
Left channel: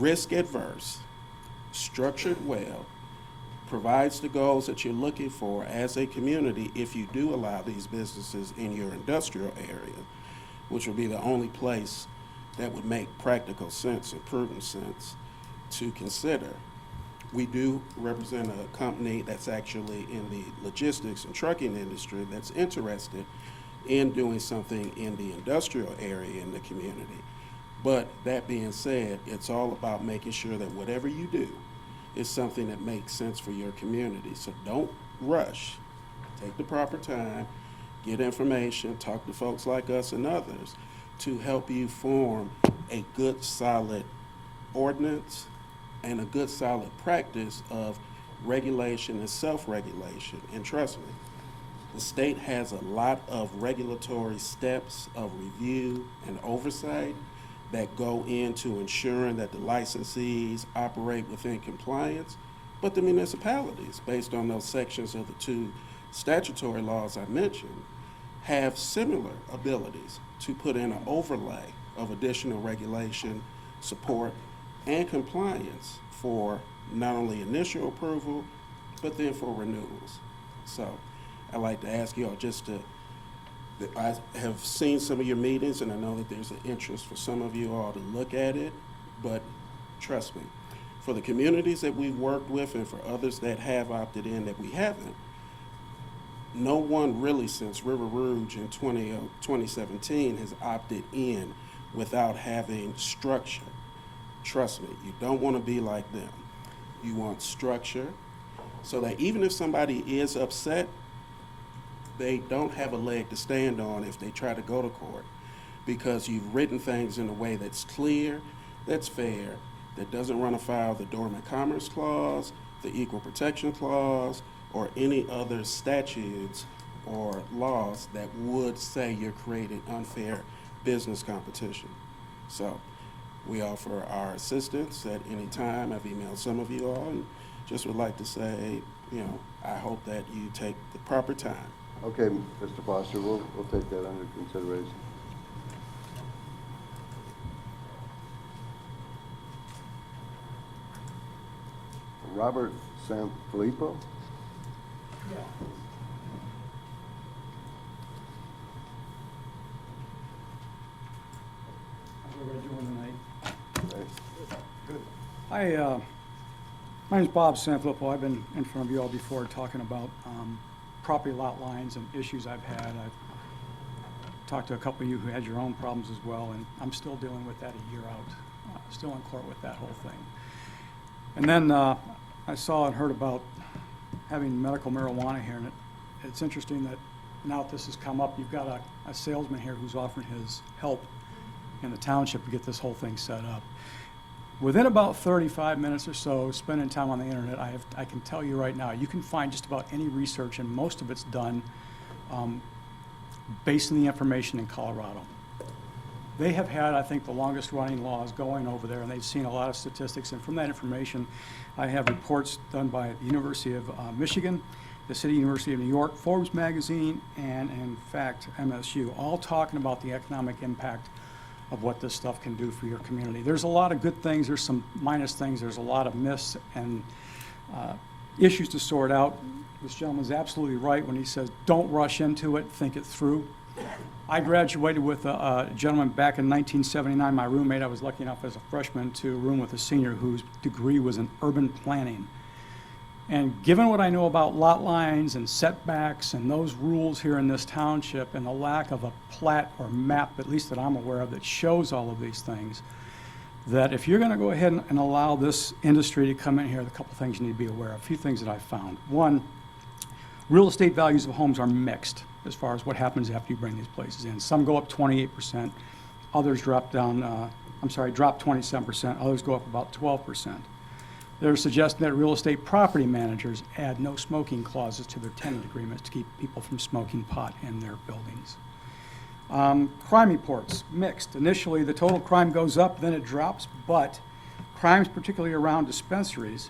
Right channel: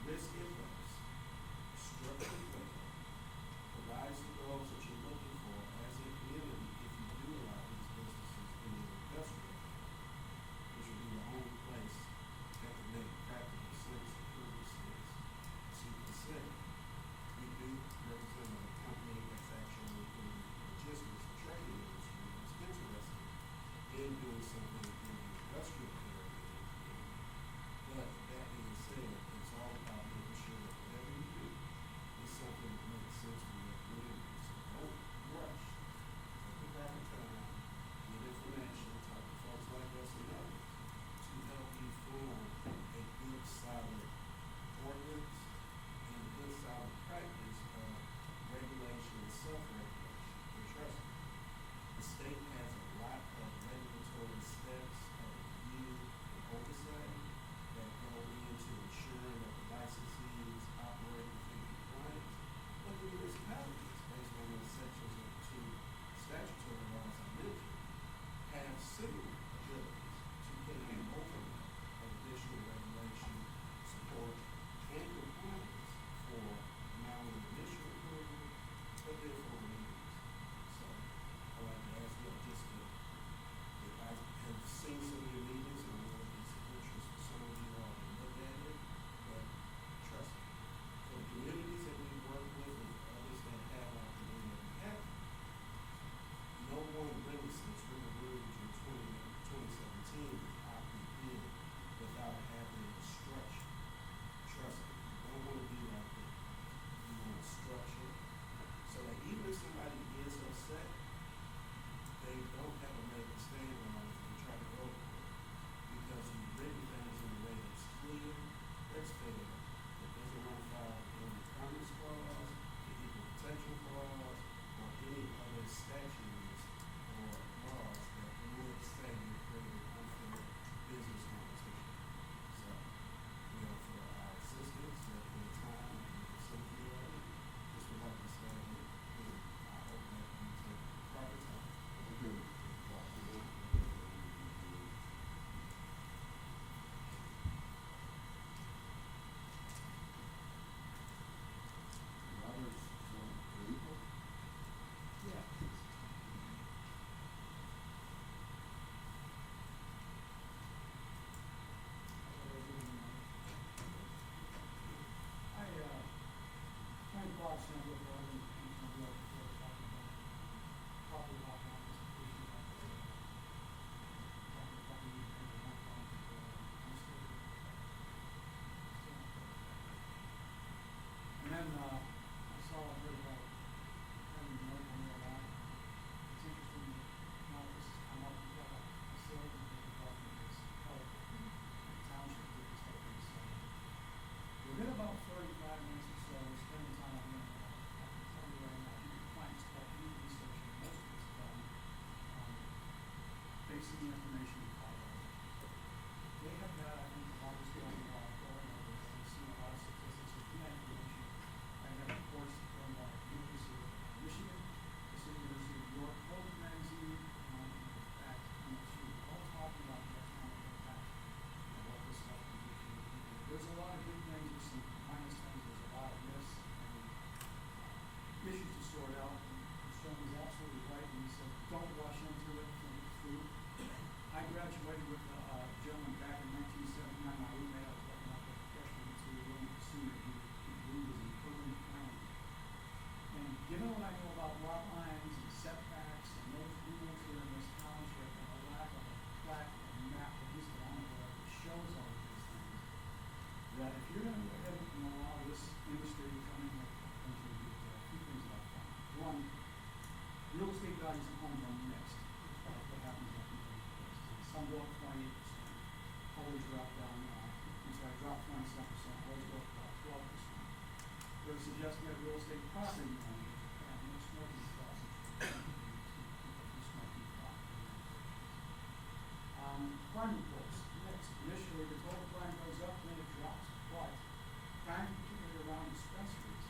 risk adverse, structured well, provides the goals that you're looking for as a community if you do allow these businesses in your industrial area, which will be the only place that would make practical sense and prudent sense to consider. We do represent a company that's actually in the logistics and trucking industry that's interested in doing something in the industrial area in the community. But that being said, it's all about making sure that whatever you do is something that makes sense for your community. So don't rush. Take the proper time, get information, talk to folks like us and others to help you form a good, solid ordinance and a good, solid practice of regulation and self-regulation. And trust me, the state has a lot of regulatory steps of review and oversight that go into ensuring that the licensees operate within compliance, but the municipalities, based on those sections of the two statutory laws I mentioned, have similar abilities to put in an overlay of additional regulation, support, and compliance for not only initial approval, but then for renewals. So I'd like to ask you all just to, I have seen some of your meetings and I know that there's an interest for some of you all to look at it, but trust me, for the communities that we've worked with and for others that have opted in that we haven't, no one really since River Rouge in 2017 has opted in without having structure. Trust me, you don't want to be like them. You want structure so that even if somebody is upset, they don't have a leg to stand on if they try to go to court, because you've written things in a way that's clear, that's fair, that doesn't run afoul of the Dormant Commerce Clause, the Equal Protection Clause, or any other statutes or laws that would say you're creating unfair business competition. So we offer our assistance at any time. I've emailed some of you all and just would like to say, you know, I hope that you take the proper time. Okay, Mr. Foster, we'll take that under consideration. Robert Sanfilippo? Yeah. How's everybody doing tonight? Okay. My name's Bob Sanfilippo. I've been in front of you all before talking about property lot lines and issues I've had. I've talked to a couple of you who had your own problems as well, and I'm still dealing with that a year out, still in court with that whole thing. And then I saw and heard about having medical marijuana here, and it's interesting that now that this has come up, you've got a salesman here who's offering his help in the township to get this whole thing set up. Within about 35 minutes or so, spending time on the internet, I can tell you right now, you can find just about any research, and most of it's done based on the information in Colorado. They have had, I think, the longest running laws going over there, and they've seen a lot of statistics, and from that information, I have reports done by the University of Michigan, the City University of New York, Forbes magazine, and in fact, MSU, all talking about the economic impact of what this stuff can do for your community. There's a lot of good things, there's some minus things, there's a lot of myths and issues to sort out. This gentleman's absolutely right when he says, don't rush into it, think it through. I graduated with a gentleman back in 1979, my roommate. I was lucky enough as a freshman to room with a senior whose degree was in urban planning. And given what I know about lot lines and setbacks and those rules here in this township and the lack of a plat or map, at least that I'm aware of, that shows all of these things, that if you're going to go ahead and allow this industry to come in here, a couple things you need to be aware of, a few things that I've found. One, real estate values of homes are mixed as far as what happens after you bring these places in. Some go up 28%, others drop down, drop 27%, others go up about 12%. They're suggesting that real estate property managers add no smoking clauses to their tenant agreements to keep people from smoking pot in their buildings. Crime reports, mixed. Initially, the total crime goes up, then it drops, but crimes, particularly around dispensaries,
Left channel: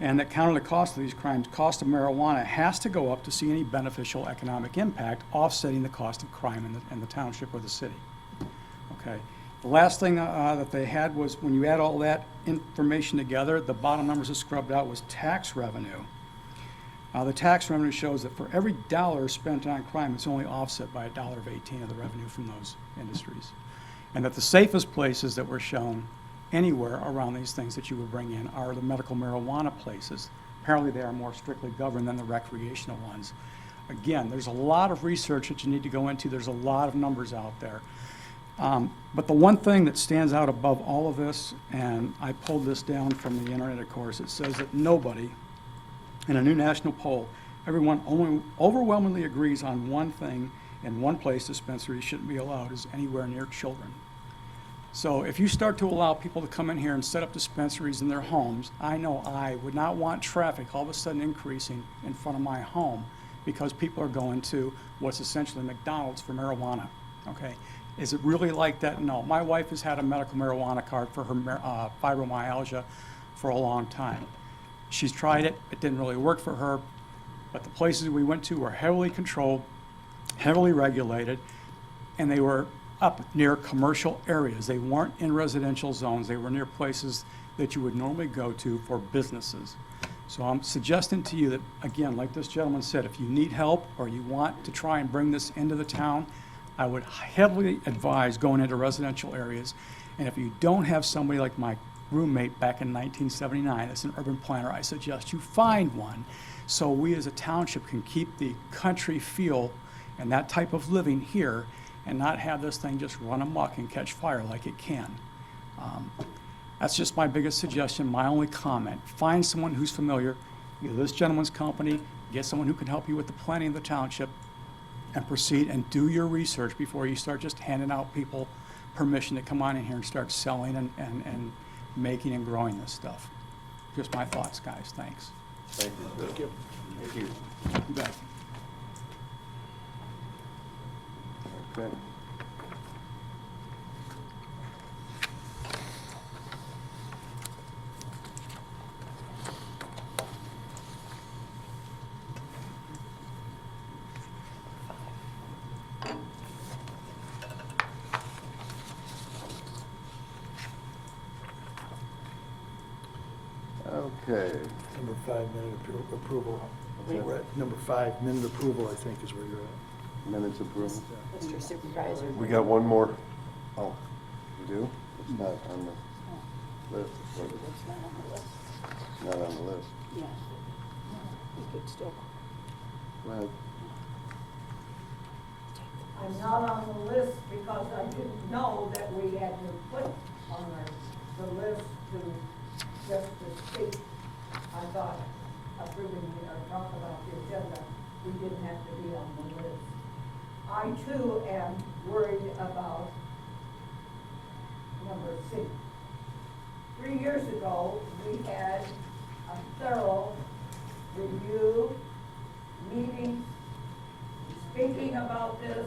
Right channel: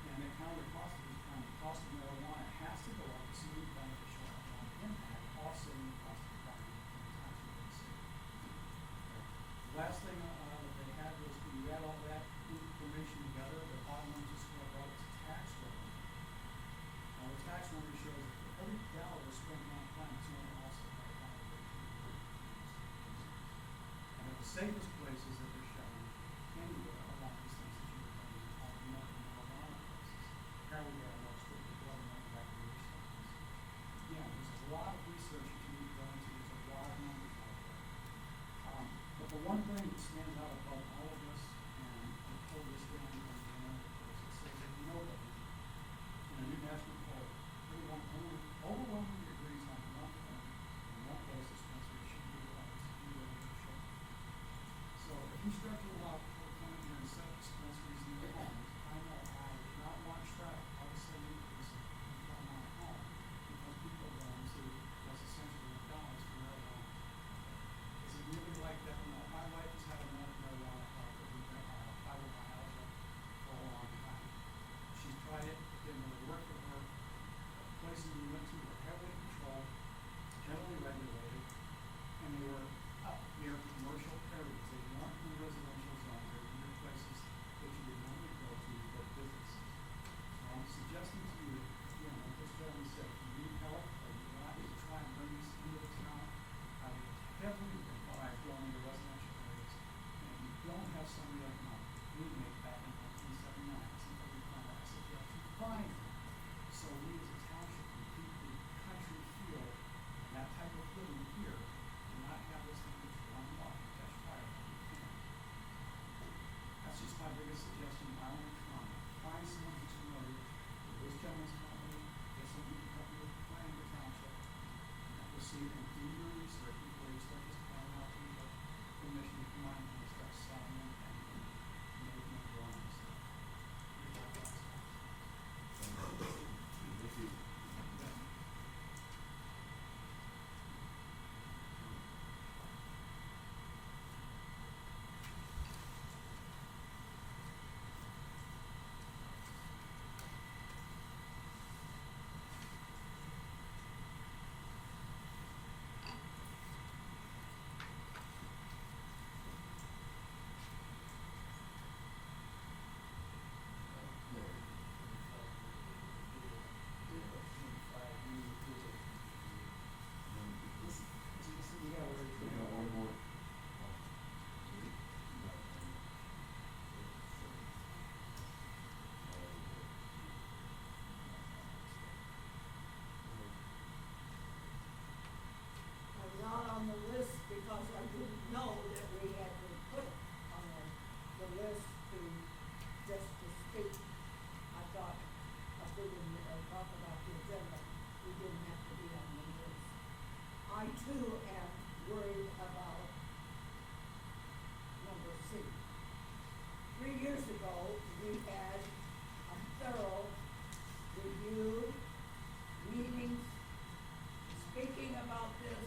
and that counter the cost of these crimes, cost of marijuana has to go up to see any beneficial economic impact, offsetting the cost of crime in the township or the city. Okay. The last thing that they had was when you add all that information together, the bottom numbers that scrubbed out was tax revenue. The tax revenue shows that for every dollar spent on crime, it's only offset by $1.18 of the revenue from those industries. And that the safest places that were shown anywhere around these things that you would bring in are the medical marijuana places. Apparently they are more strictly governed than the recreational ones. Again, there's a lot of research that you need to go into. There's a lot of numbers out there. But the one thing that stands out above all of this, and I pulled this down from the internet, of course, it says that nobody, in a new national poll, everyone overwhelmingly agrees on one thing: in one place dispensaries shouldn't be allowed is anywhere near children. So if you start to allow people to come in here and set up dispensaries in their homes, I know I would not want traffic all of a sudden increasing in front of my home because people are going to what's essentially McDonald's for marijuana, okay? Is it really like that? No. My wife has had a medical marijuana card for her fibromyalgia for a long time. She's tried it. It didn't really work for her, but the places we went to were heavily controlled, heavily regulated, and they were up near commercial areas. They weren't in residential zones. They were near places that you would normally go to for businesses. So I'm suggesting to you that, again, like this gentleman said, if you need help or you want to try and bring this into the town, I would heavily advise going into residential areas. And if you don't have somebody like my roommate back in 1979 as an urban planner, I suggest you find one so we as a township can keep the country feel and that type of living here and not have this thing just run amok and catch fire like it can. That's just my biggest suggestion, my only comment. Find someone who's familiar, either this gentleman's company, get someone who can help you with the planning of the township, and proceed and do your research before you start just handing out people permission to come on in here and start selling and making and growing this stuff. Just my thoughts, guys. Thanks. Thank you. Thank you. You bet. Okay. Okay. Number 5, minute approval. What's that? We're at number 5, minute approval, I think, is where you're at. Minutes approval. Mr. Supervisor. We got one more. Oh, you do? It's not on the list. Is it? It's not on the list. It's not on the list. Yeah. It's still. Go ahead. I'm not on the list because I didn't know that we had to put on the list to just to speak. I thought, after we talk about the agenda, we didn't have to be on the list. I too am worried about number 6. 3 years ago, we had a thorough review, meetings, speaking about this,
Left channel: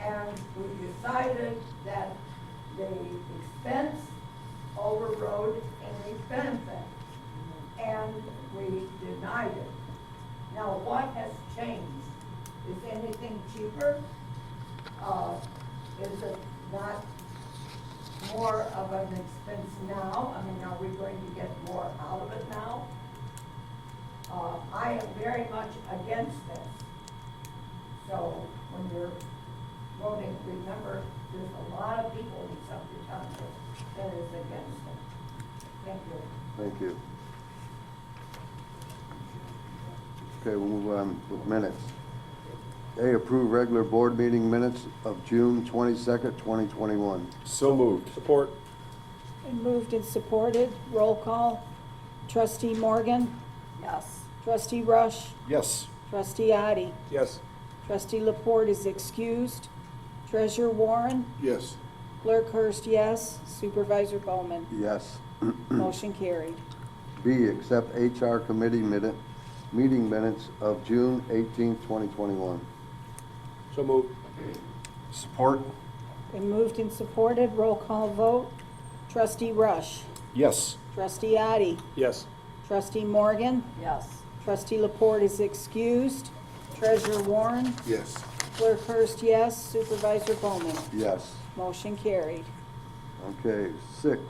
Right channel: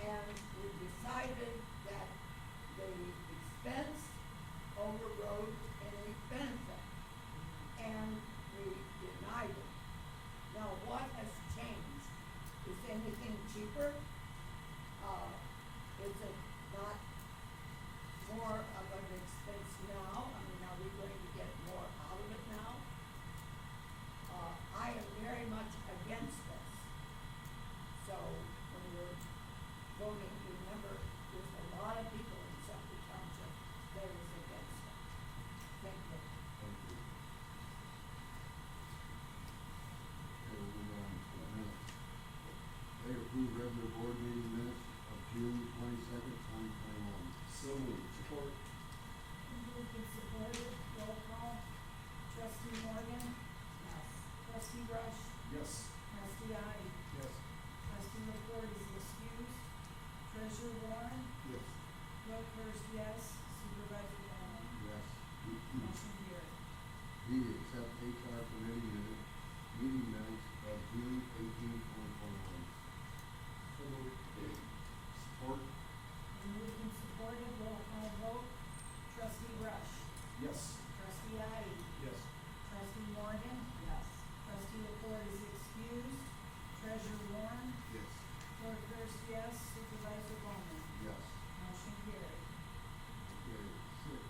and we decided that the expense overrode any benefit, and we denied it. Now, what has changed? Is anything cheaper? Is it not more of an expense now? I mean, are we going to get more out of it now? I am very much against this. So when you're voting, remember, there's a lot of people in Sumpter Township that is against it. Thank you. Thank you. Okay, we'll move on with minutes. A, approve regular board meeting minutes of June 22nd, 2021. So moved. Support. And moved and supported, roll call. Trustee Morgan, Yes. trustee Rush, Yes. trustee Addie, Yes. trustee Laporte is excused, treasurer Warren, Yes. clerk Hurst, yes, supervisor Bowman. Yes. Motion carried. B, accept HR committee meeting minutes of June 18th, 2021. So moved. Support? Been moved and supported, roll call vote. Trustee Rush, Yes. trustee Addie, Yes. trustee Morgan, Yes. trustee Laporte is excused, treasurer Warren, Yes. clerk Hurst, yes, supervisor Bowman. Yes. Motion carried. Okay, 6,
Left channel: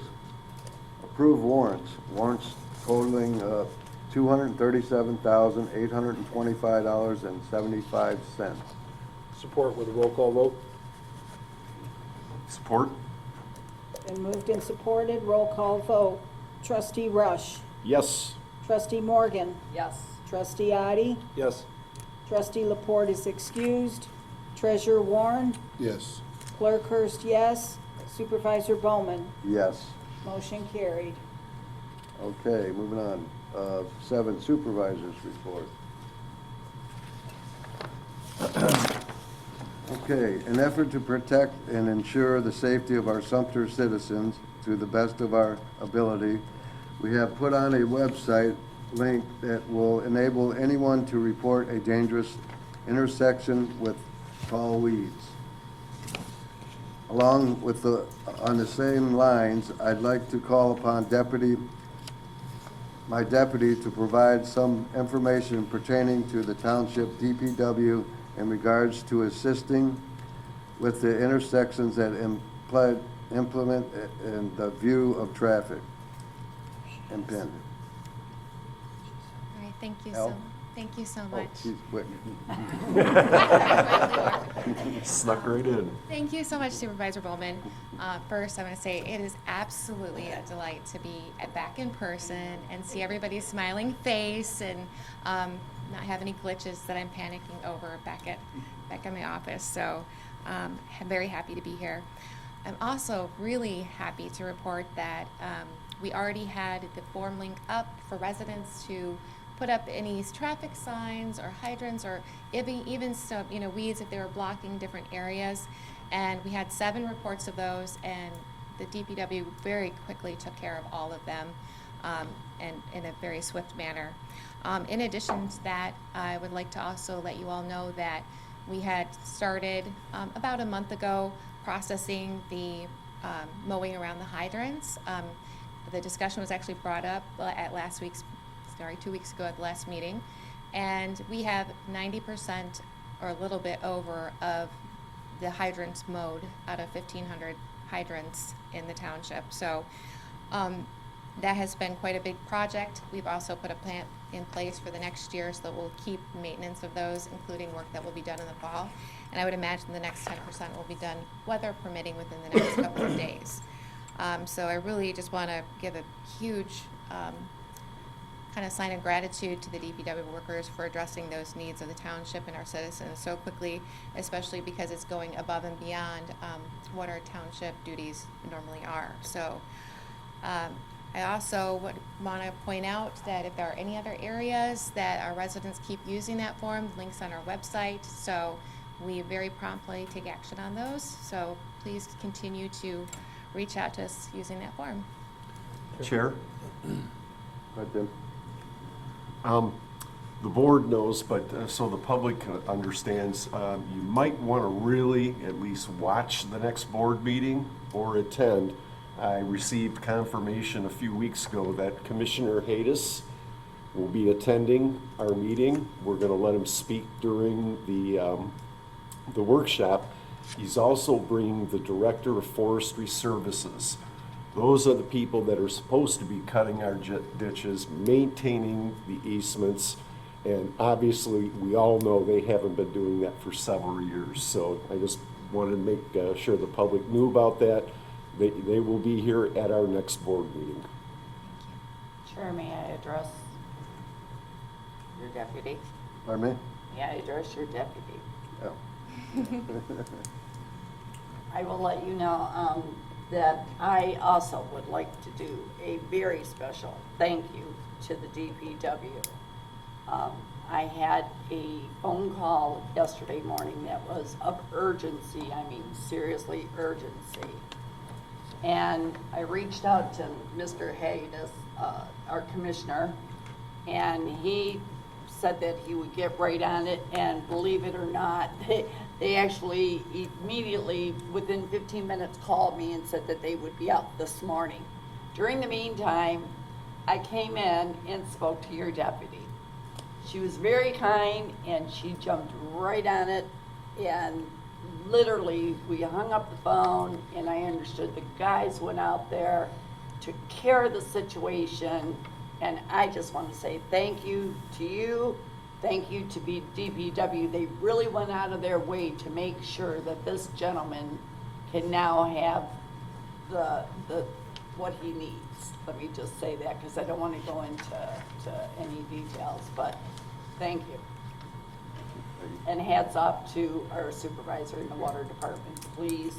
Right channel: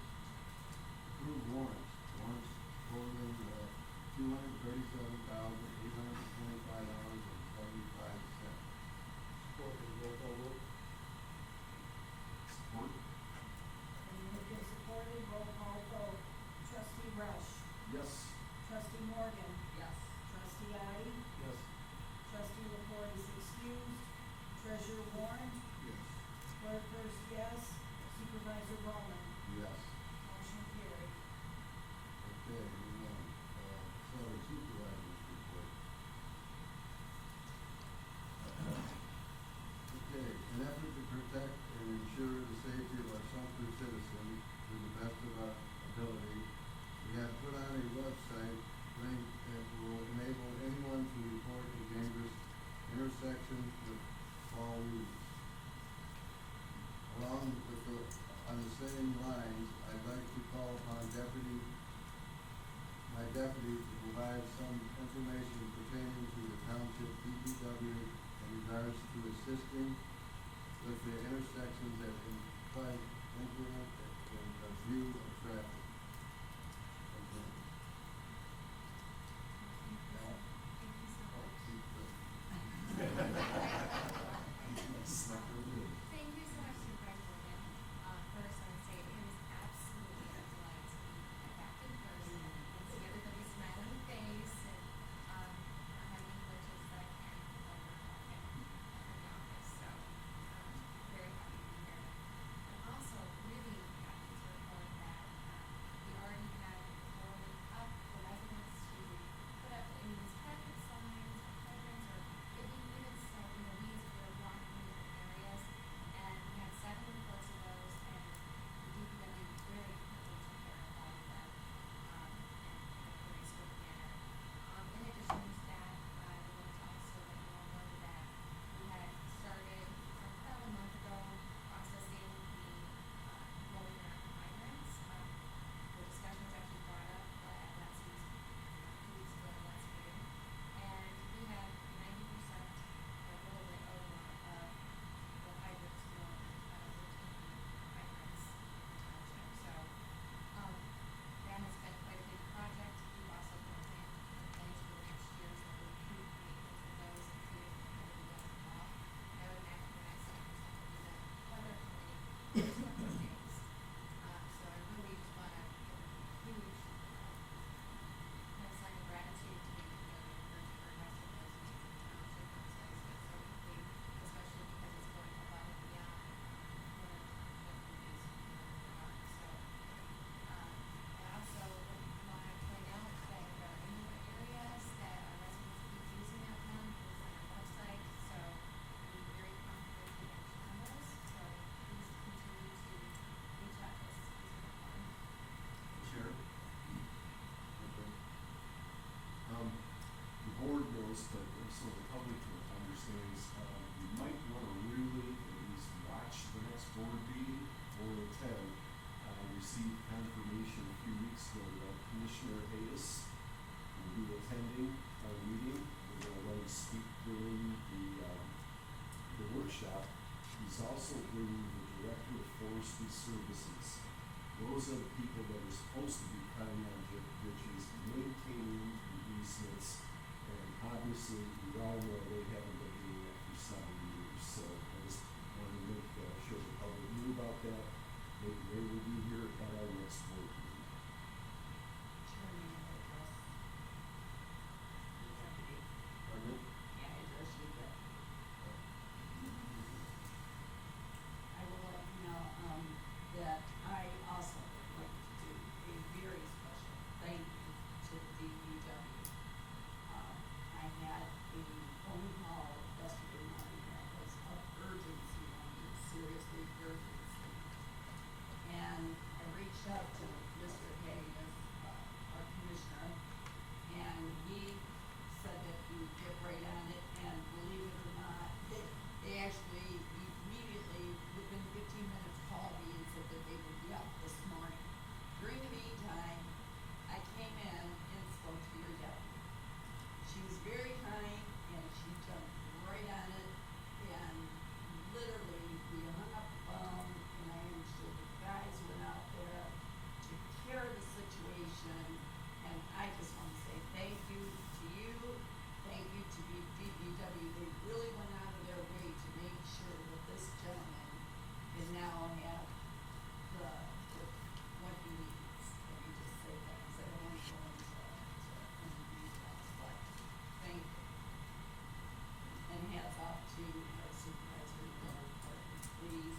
approve warrants. Warrants totaling $237,825.75. Support with a roll call vote. Support? Been moved and supported, roll call vote. Trustee Rush, Yes. trustee Morgan, Yes. trustee Addie, Yes. trustee Laporte is excused, treasurer Warren, Yes. clerk Hurst, yes, supervisor Bowman. Yes. Motion carried. Okay, moving on. 7, supervisors report. Okay, in effort to protect and ensure the safety of our Sumpter citizens to the best of our ability, we have put on a website link that will enable anyone to report a dangerous intersection with tall weeds. Along with on the same lines, I'd like to call upon my deputy to provide some information pertaining to the township DPW in regards to assisting with the intersections that implement in the view of traffic impending. All right, thank Al? you so Oh, much. she's waiting. Snuck right in. Thank you so much, Supervisor Bowman. First, I want to say it is absolutely a delight to be back in person and see everybody's smiling face and not have any glitches that I'm panicking over back in my office. So I'm very happy to be here. I'm also really happy to report that we already had the form link up for residents to put up any traffic signs or hydrants or even some, weeds if they were blocking different areas. And we had 7 reports of those, and the DPW very quickly took care of all of them, and in a very swift manner. In addition to that, I would like to also let you all know that we had started about a month ago processing the mowing around the hydrants. The discussion was actually brought up at 2 weeks ago at the last meeting, and we have 90% or a little bit over of the hydrants mowed out of 1,500 hydrants in the township. So that has been quite a big project. We've also put a plan in place for the next year so that we'll keep maintenance of those, including work that will be done in the fall. And I would imagine the next 10% will be done, weather permitting, within the next couple of days. So I really just want to give a huge kind of sign of gratitude to the DPW workers for addressing those needs of the township and our citizens so quickly, especially because it's going above and beyond what our township duties normally are. So I also want to point out that if there are any other areas that our residents keep using that form, the link's on our website, so we very promptly take action on those. So please continue to reach out to us using that form. Chair? Right, Tim? The board knows, but so the public understands, you might want to really at least watch the next board meeting or attend. I received confirmation a few weeks ago that Commissioner Haydes will be attending our meeting. We're going to let him speak during the workshop. He's also bringing the Director of Forestry Services. Those are the people that are supposed to be cutting our ditches, maintaining the easements, and obviously we all know they haven't been doing that for several years. So I just wanted to make sure the public knew about that. They will be here at our next board meeting. Chair, may I address your deputy? Pardon me? May I address your deputy? Yeah. I will let you know that I also would like to do a very special thank you to the DPW. I had a phone call yesterday morning that was of urgency, I mean seriously urgency. And I reached out to Mr. Hayes, our commissioner, and he said that he would get right on it, and believe it or not, they actually immediately, within 15 minutes, called me and said that they would be out this morning. During the meantime, I came in and spoke to your deputy. She was very kind, and she jumped right on it, and literally, we hung up the phone, and I understood the guys went out there, took care of the situation, and I just want to say thank you to you, thank you to DPW. They really went out of their way to make sure that this gentleman can now have what he needs. Let me just say that, because I don't want to go into any details, but thank you. And hats off to our supervisor in the water department, please.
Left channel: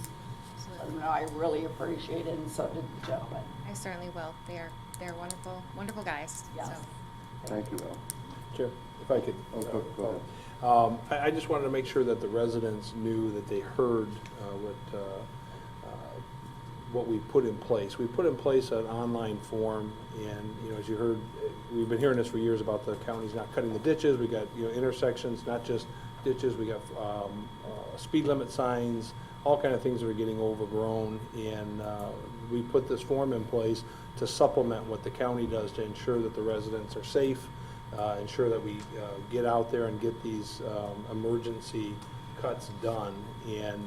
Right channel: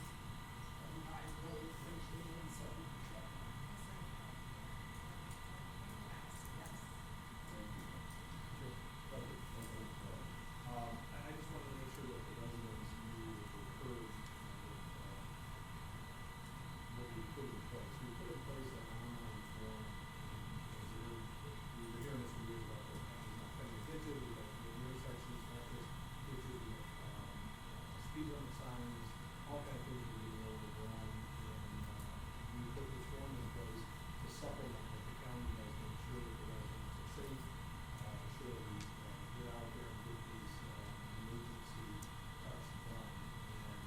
You know, I really appreciate it, and so did the gentleman. I certainly will. They're wonderful, wonderful guys. Yes. So. Thank you, Al. Chair, if I could. Go ahead. I just wanted to make sure that the residents knew that they heard what we put in place. We put in place an online form, and, you know, as you heard, we've been hearing this for years about the counties not cutting the ditches. We got, you know, intersections, not just ditches. We got speed limit signs, all kind of things that are getting overgrown, and we put this form in place to supplement what the county does to ensure that the residents are safe, ensure that we get out there and get these emergency cuts done. And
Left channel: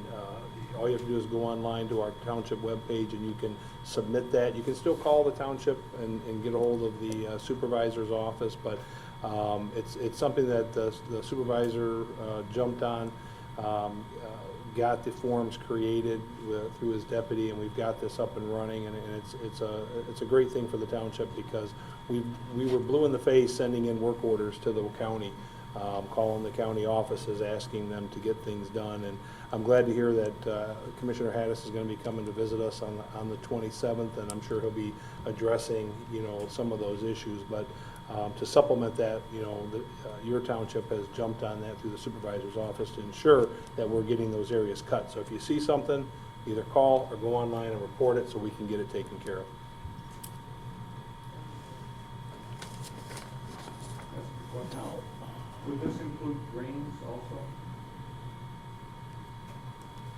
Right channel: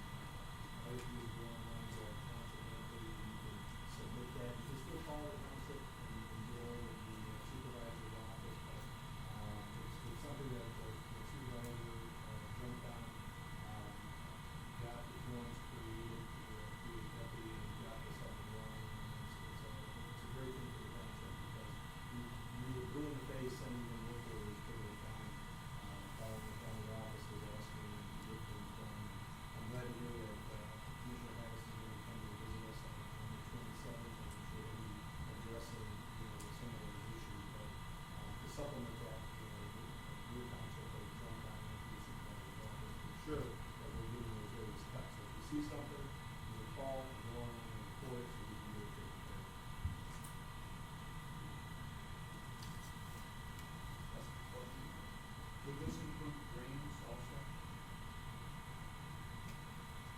all you have to do is go online to our township webpage, and you can submit that. You can still call the township and get a hold of the supervisor's office, but it's something that the supervisor jumped on, got the forms created through his deputy, and we've got this up and running, and it's a great thing for the township, because we were blue in the face sending in work orders to the county, calling the county offices, asking them to get things done. And I'm glad to hear that Commissioner Haddis is going to be coming to visit us on the 27th, and I'm sure he'll be addressing, you know, some of those issues. But to supplement that, you know, your township has jumped on that through the supervisor's office to ensure that we're getting those areas cut. So if you see something, either call or go online and report it so we can get it taken care of. Would this include drains also?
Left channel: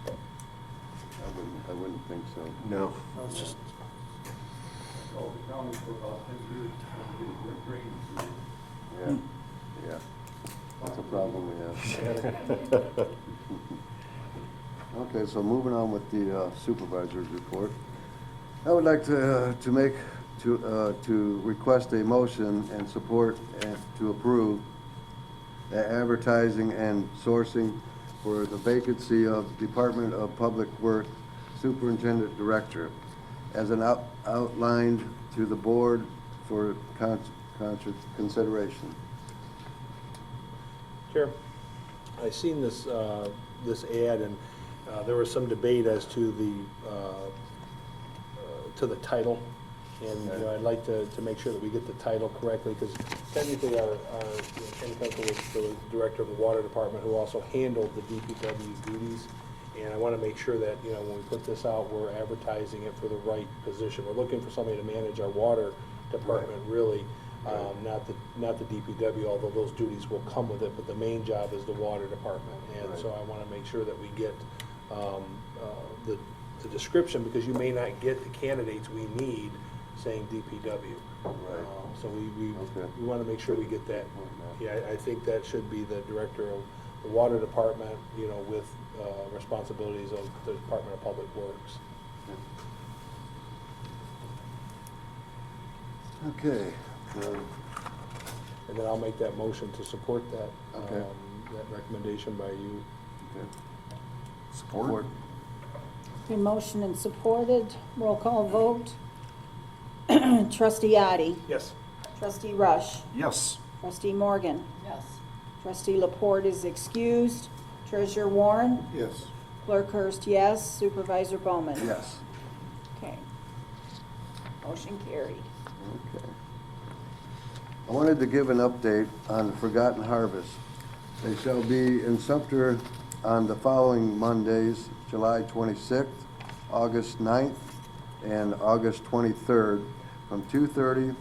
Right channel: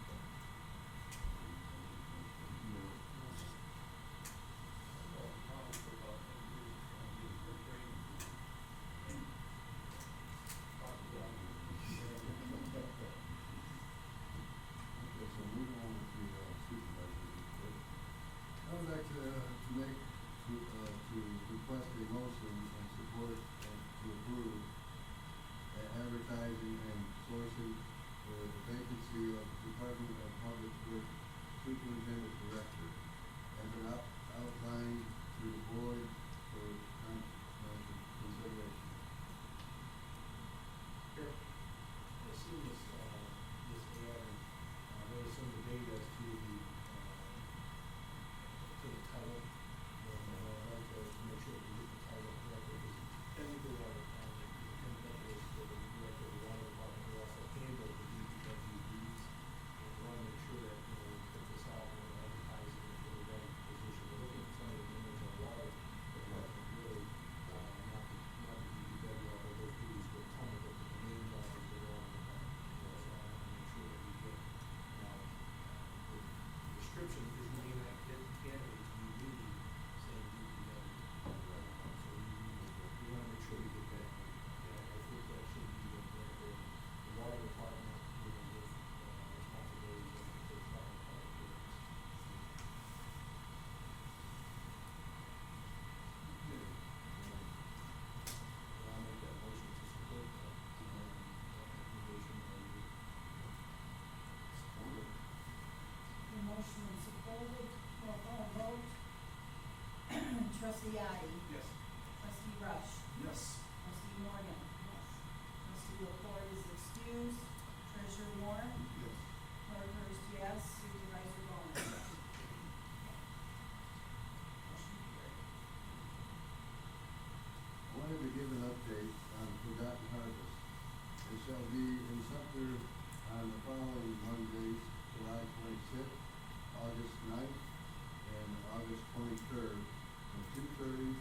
I wouldn't think so. No. It's just, All the counties for about 10 years, drains. Yeah, yeah. That's a problem we have. Okay, so moving on with the supervisor's report. I would like to request a motion and support and to approve the advertising and sourcing for the vacancy of Department of Public Works Superintendent Director as an outlined to the board for consideration. Chair, I seen this ad, and there was some debate as to the title, and you know, I'd like to make sure that we get the title correctly, because technically our Ken Kunkel was the director of the water department, who also handled the DPW duties, and I want to make sure that, you know, when we put this out, we're advertising it for the right position. We're looking for somebody to manage our water department, really. Not the DPW, although those duties will come with it, but the main job is the water department. And so I want to make sure that we get the description, because you may not get the candidates we need saying DPW. So we want to make sure we get that. Yeah, I think that should be the director of the water department, you know, with responsibilities of the Department of Public Works. Okay. And then I'll make that motion to support that, Okay. that recommendation by you. Support? Been motion and supported, roll call vote. Trustee Addy, Yes. trustee Rush, Yes. trustee Morgan, Yes. trustee Laporte is excused, treasurer Warren, Yes. clerk Hurst, yes, supervisor Bowman. Yes. Okay. Motion carried. Okay. I wanted to give an update on the Forgotten Harvest. They shall be in Sumpter on the following Mondays, July 26th, August 9th, and August 23rd, from 2:30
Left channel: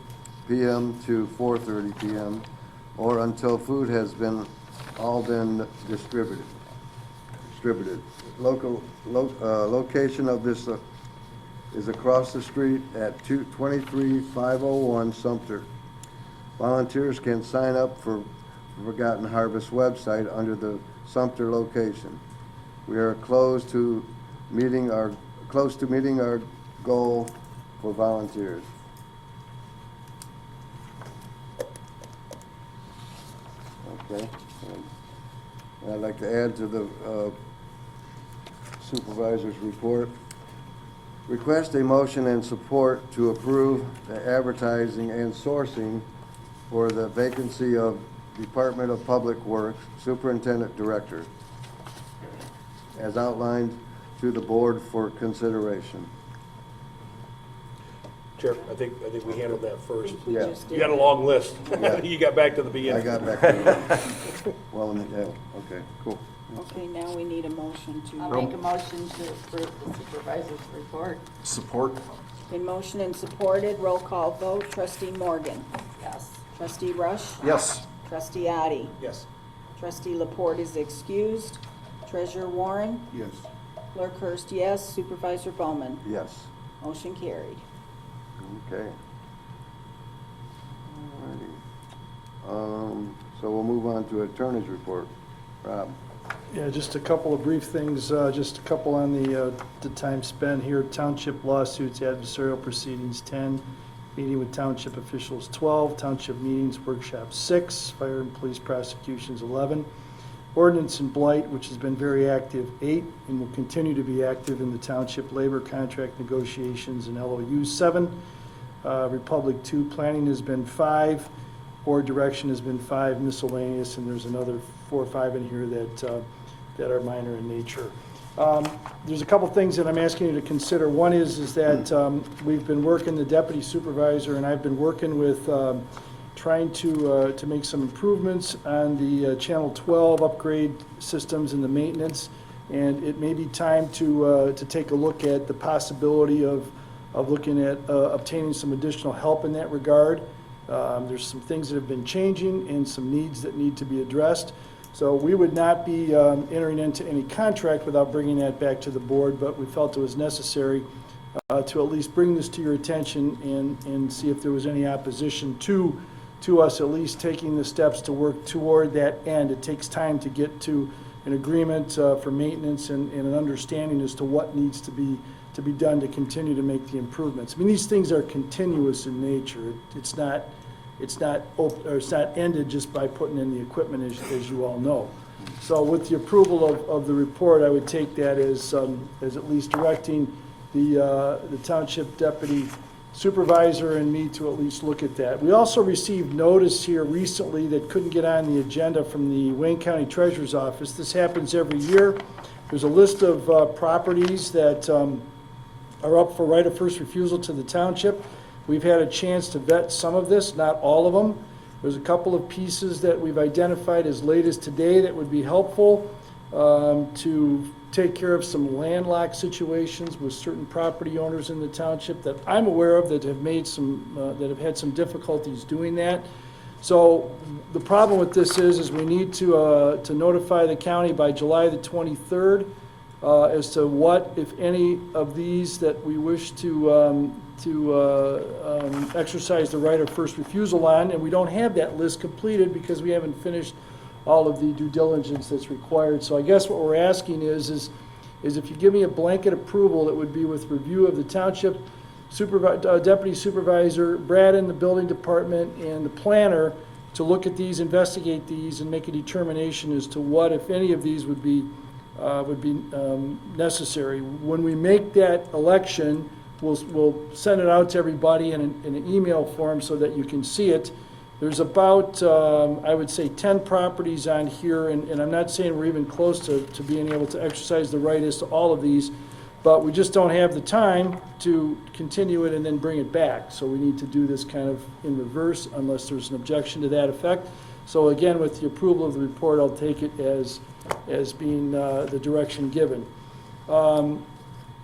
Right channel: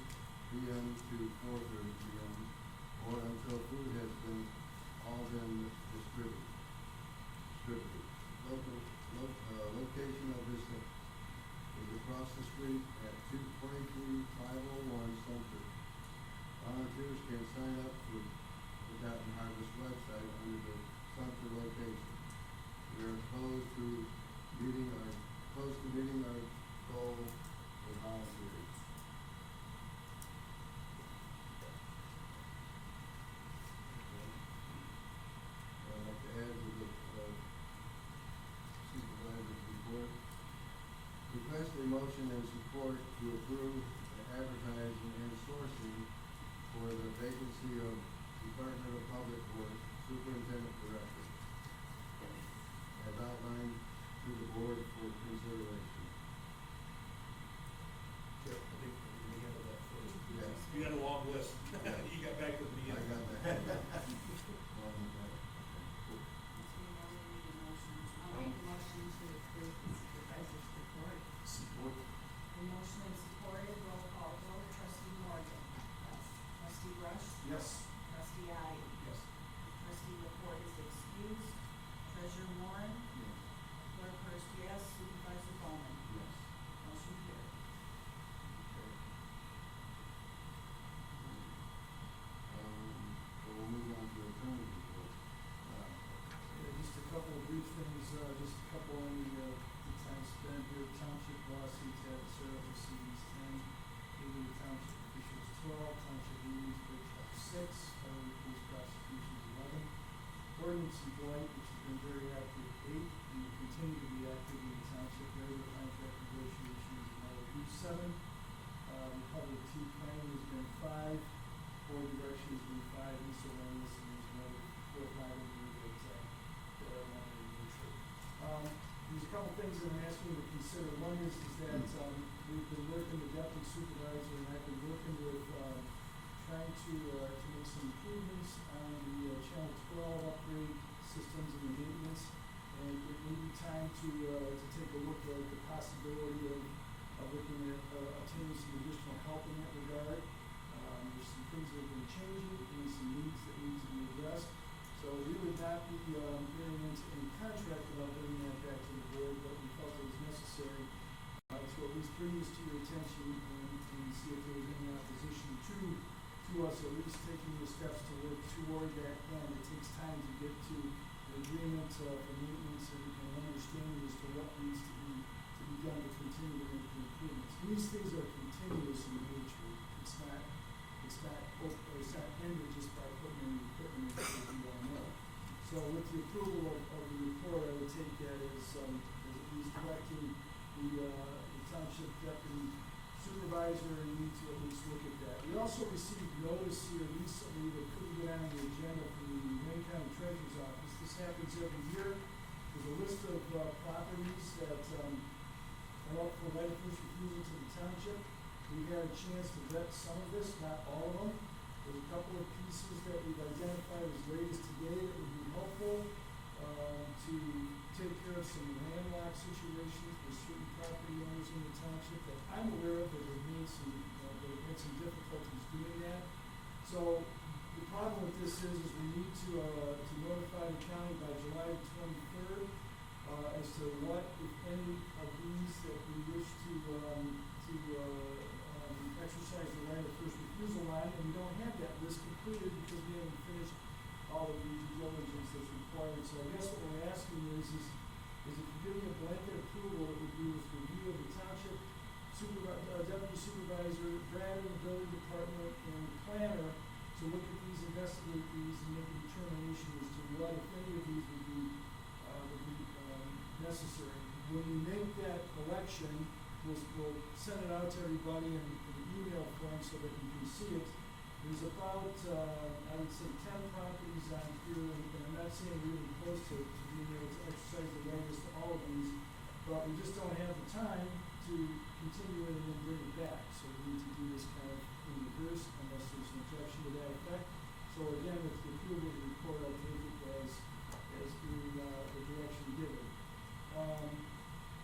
p.m. to 4:30 p.m., or until food has all been distributed. Location of this is across the street at 23501 Sumpter. Volunteers can sign up for Forgotten Harvest website under the Sumpter location. We are close to meeting our goal for volunteers. Okay. And I'd like to add to the Supervisor's report. Request a motion and support to approve the advertising and sourcing for the vacancy of Department of Public Works Superintendent Director, as outlined to the board for consideration. Chair, I think we handled that first. We Yeah. just You did. got a long list. Yeah. You got back to the I beginning. got back to that. Well, yeah, okay, cool. Okay, now we need a motion I'll to, make a motion to approve the supervisor's report. Support? been motioned and supported, roll call vote, trustee Morgan, Yes. trustee Rush, Yes. trustee Addie, Yes. trustee Laporte is excused, treasurer Warren, Yes. clerk Hurst, yes, supervisor Bowman, Yes, motion carried. okay. Alrighty. So we'll move on to attorney's report. Rob? Yeah, just a couple of brief things, just a couple on the time spent here. Township lawsuits, adversarial proceedings, 10. Meeting with township officials, 12. Township meetings, workshop, 6. Fire and police prosecutions, 11. Ordinance and blight, which has been very active, 8, and will continue to be active in the township labor contract negotiations and LOU, 7. Republic, 2. Planning has been 5. Board direction has been 5. Miscellaneous, and there's another 4 or 5 in here that are minor in nature. There's a couple things that I'm asking you to consider. One is that we've been working, the deputy supervisor and I've been working with trying to make some improvements on the Channel 12 upgrade systems and the maintenance. And it may be time to take a look at the possibility of looking at obtaining some additional help in that regard. There's some things that have been changing and some needs that need to be addressed. So we would not be entering into any contract without bringing that back to the board, but we felt it was necessary to at least bring this to your attention and see if there was any opposition to us at least taking the steps to work toward that end. It takes time to get to an agreement for maintenance and an understanding as to what needs to be done to continue to make the improvements. I mean, these things are continuous in nature. It's not ended just by putting in the equipment, as you all know. So with the approval of the report, I would take that as at least directing the township deputy supervisor and me to at least look at that. We also received notice here recently that couldn't get on the agenda from the Wayne County Treasurer's Office. This happens every year. There's a list of properties that are up for right of first refusal to the township. We've had a chance to vet some of this, not all of them. There's a couple of pieces that we've identified as late as today that would be helpful to take care of some landlocked situations with certain property owners in the township that I'm aware of that have made that have had some difficulties doing that. So the problem with this is we need to notify the county by July the 23rd as to what, if any, of these that we wish to exercise the right of first refusal on, and we don't have that list completed because we haven't finished all of the due diligence that's required. So I guess what we're asking is if you give me a blanket approval, it would be with review of the township deputy supervisor, Brad in the building department, and the planner to look at these, investigate these, and make a determination as to what, if any of these would be necessary. When we make that election, we'll send it out to everybody in an email form so that you can see it. There's about, I would say, 10 properties on here, and I'm not saying we're even close to being able to exercise the right as to all of these, but we just don't have the time to continue it and then bring it back. So we need to do this kind of in reverse unless there's an objection to that effect. So again, with the approval of the report, I'll take it as being the direction given.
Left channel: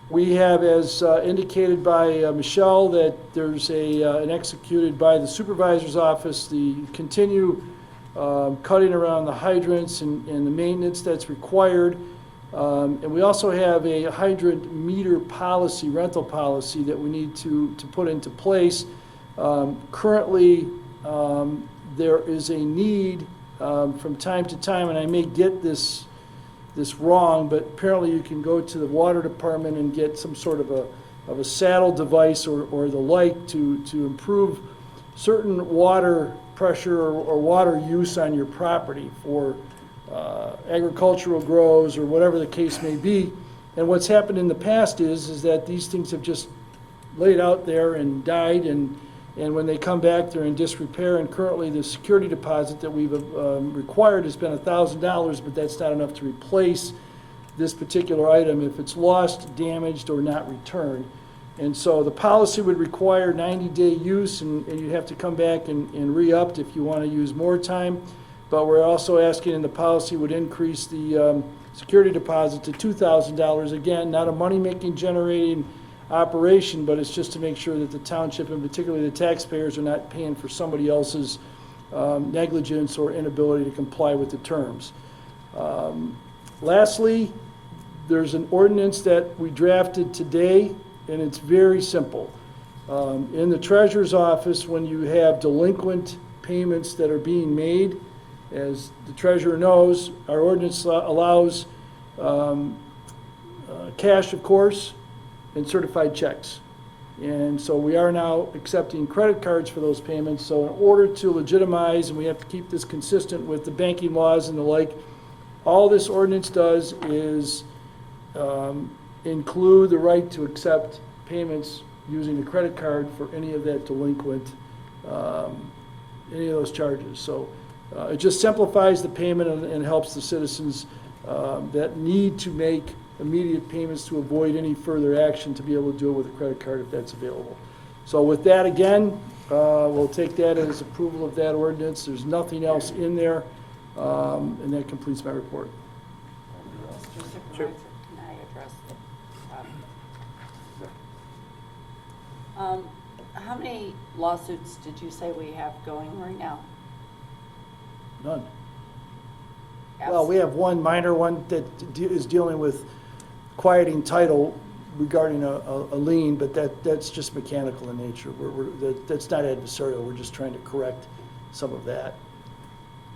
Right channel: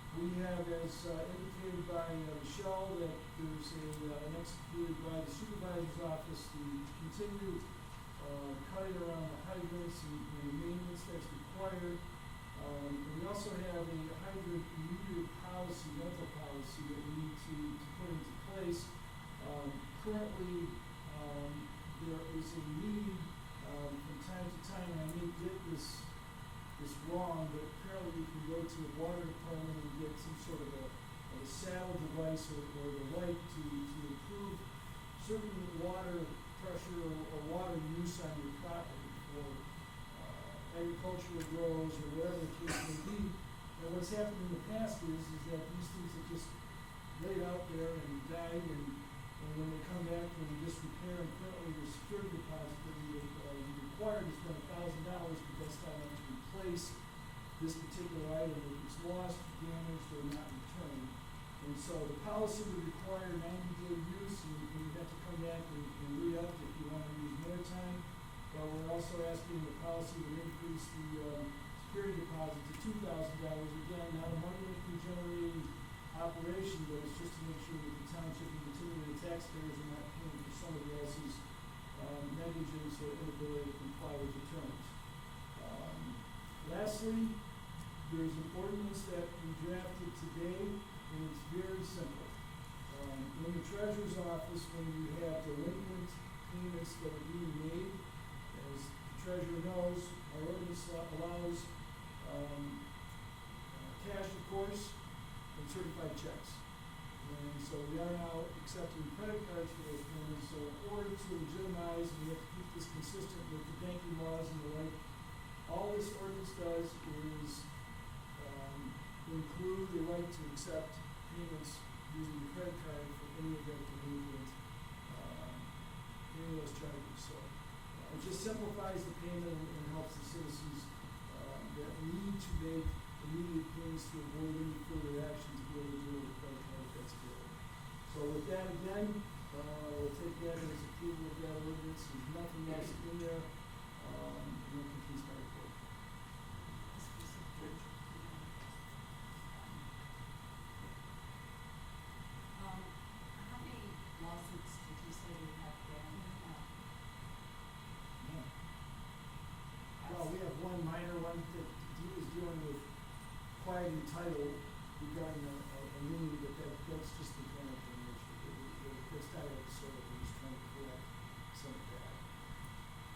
We have, as indicated by Michelle, that there's an executed by the supervisor's office, the continue cutting around the hydrants and the maintenance that's required. And we also have a hydrant meter policy, rental policy, that we need to put into place. Currently, there is a need from time to time, and I may get this wrong, but apparently you can go to the water department and get some sort of a saddle device or the like to improve certain water pressure or water use on your property for agricultural grows or whatever the case may be. And what's happened in the past is that these things have just laid out there and died, and when they come back, they're in disrepair, and currently the security deposit that we've required has been $1,000, but that's not enough to replace this particular item if it's lost, damaged, or not returned. And so the policy would require 90-day use, and you'd have to come back and re-up if you want to use more time. But we're also asking, and the policy would increase the security deposit to $2,000. Again, not a money-making generating operation, but it's just to make sure that the township, and particularly the taxpayers, are not paying for somebody else's negligence or inability to comply with the terms. Lastly, there's an ordinance that we drafted today, and it's very simple. In the treasurer's office, when you have delinquent payments that are being made, as the treasurer knows, our ordinance allows cash, of course, and certified checks. And so we are now accepting credit cards for those payments. So in order to legitimize, and we have to keep this consistent with the banking laws and the like, all this ordinance does is include the right to accept payments using the credit card for any of that delinquent, any of those charges. So it just simplifies the payment and helps the citizens that need to make immediate payments to avoid any further action to be able to do it with a credit card if that's available. So with that, again, we'll take that as approval of that ordinance. There's nothing else in there, and that completes my report. Mr. Supervisor, can I address the problem? How many lawsuits did you say we have going right now? None. Well, we have one minor one that is dealing with quieting title regarding a lien, but that's just mechanical in nature. That's not adversarial. We're just trying to correct some of that,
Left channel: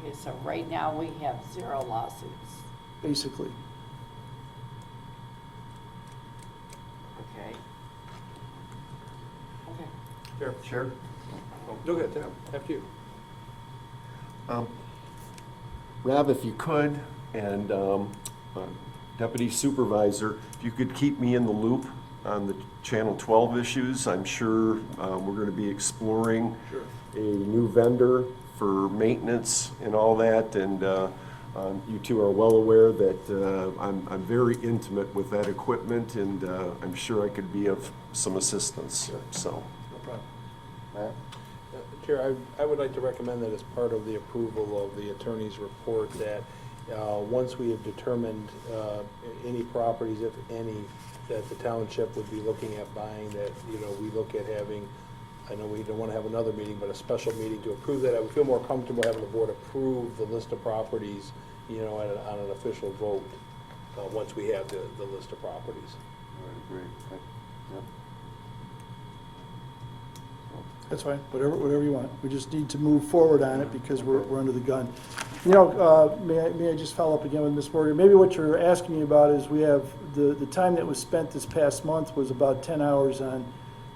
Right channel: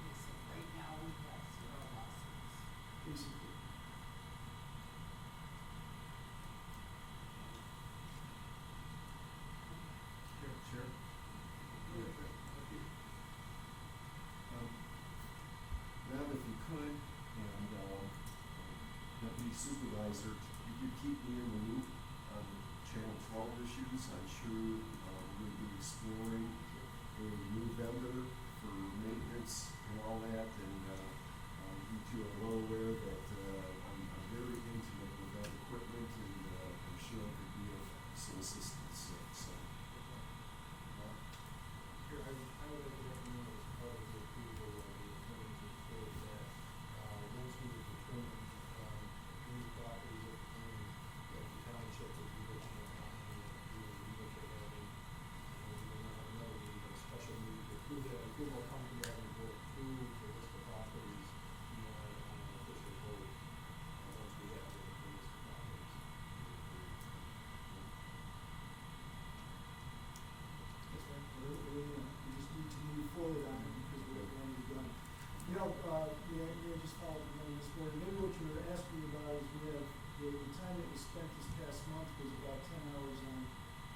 Okay, so right now we have 0 lawsuits. basically. Okay. Okay. Sure. Chair? Go ahead, Tim, after you. Rob, if you could, and Deputy Supervisor, if you could keep me in the loop on the Channel 12 issues. I'm sure we're going to be exploring a new vendor for maintenance and all that, and you two are well aware that I'm very intimate with that equipment, and I'm sure I could be of some assistance, so. No problem. Matt? Chair, I would like to recommend that as part of the approval of the attorney's report, that once we have determined any properties, if any, that the township would be looking at buying, that, we look at having, I know we don't want to have another meeting, but a special meeting to approve that. I would feel more comfortable having the board approve the list of properties, on an official vote, once we have the list of properties. That's fine, whatever you want. We just need to move forward on it because we're under the gun. May I just follow up again with Ms. Morgan? Maybe what you're asking me about is we have, the time that was spent this past month was about 10 hours on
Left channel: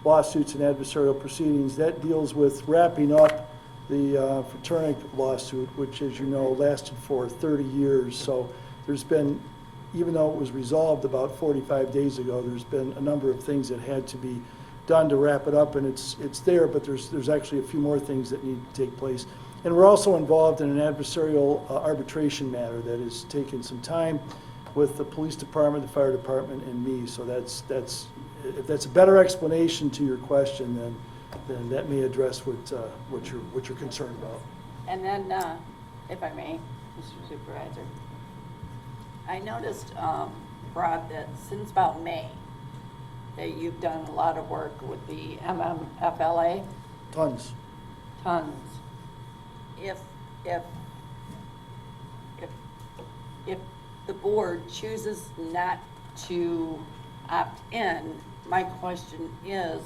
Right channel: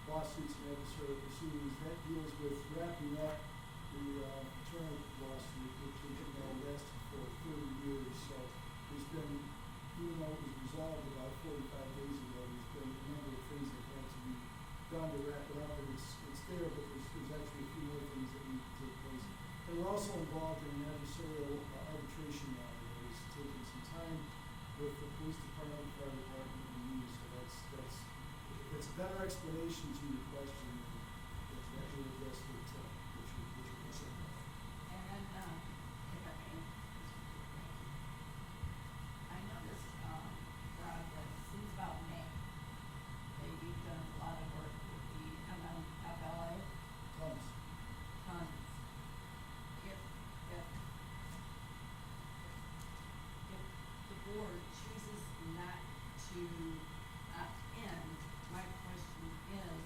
lawsuits and adversarial proceedings. That deals with wrapping up the fraternity lawsuit, which, as you know, lasted for 30 years. So there's been, even though it was resolved about 45 days ago, there's been a number of things that had to be done to wrap it up, and it's there, but there's actually a few more things that need to take place. And we're also involved in an adversarial arbitration matter that has taken some time with the police department, the fire department, and me. So that's if that's a better explanation to your question, then that may address what you're concerned about. And then, if I may, Mr. Supervisor, I noticed, Rob, that since about May, that you've done a lot of work with the MMFLA. Tons. If the board chooses not to opt in, my question is,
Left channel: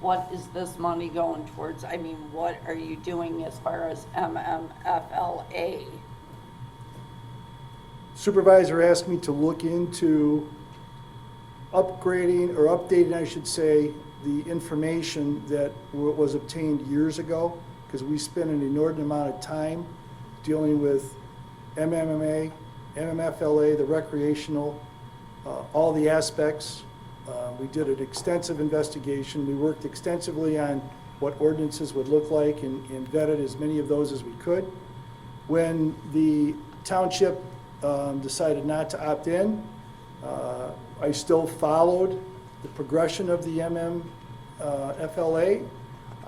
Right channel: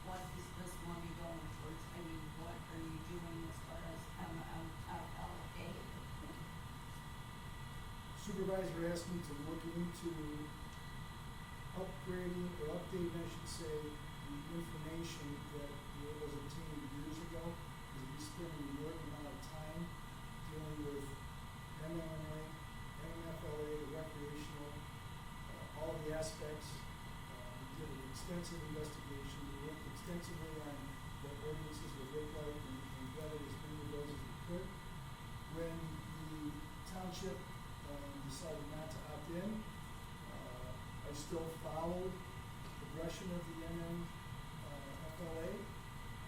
what is this money going towards? I mean, what are you doing as far as MMFLA? Supervisor asked me to look into upgrading, or updating, I should say, the information that was obtained years ago, because we spent an inordinate amount of time dealing with MMMA, MMFLA, the recreational all the aspects. We did an extensive investigation. We worked extensively on what ordinances would look like and vetted as many of those as we could. When the township decided not to opt in, I still followed the progression of the FLA.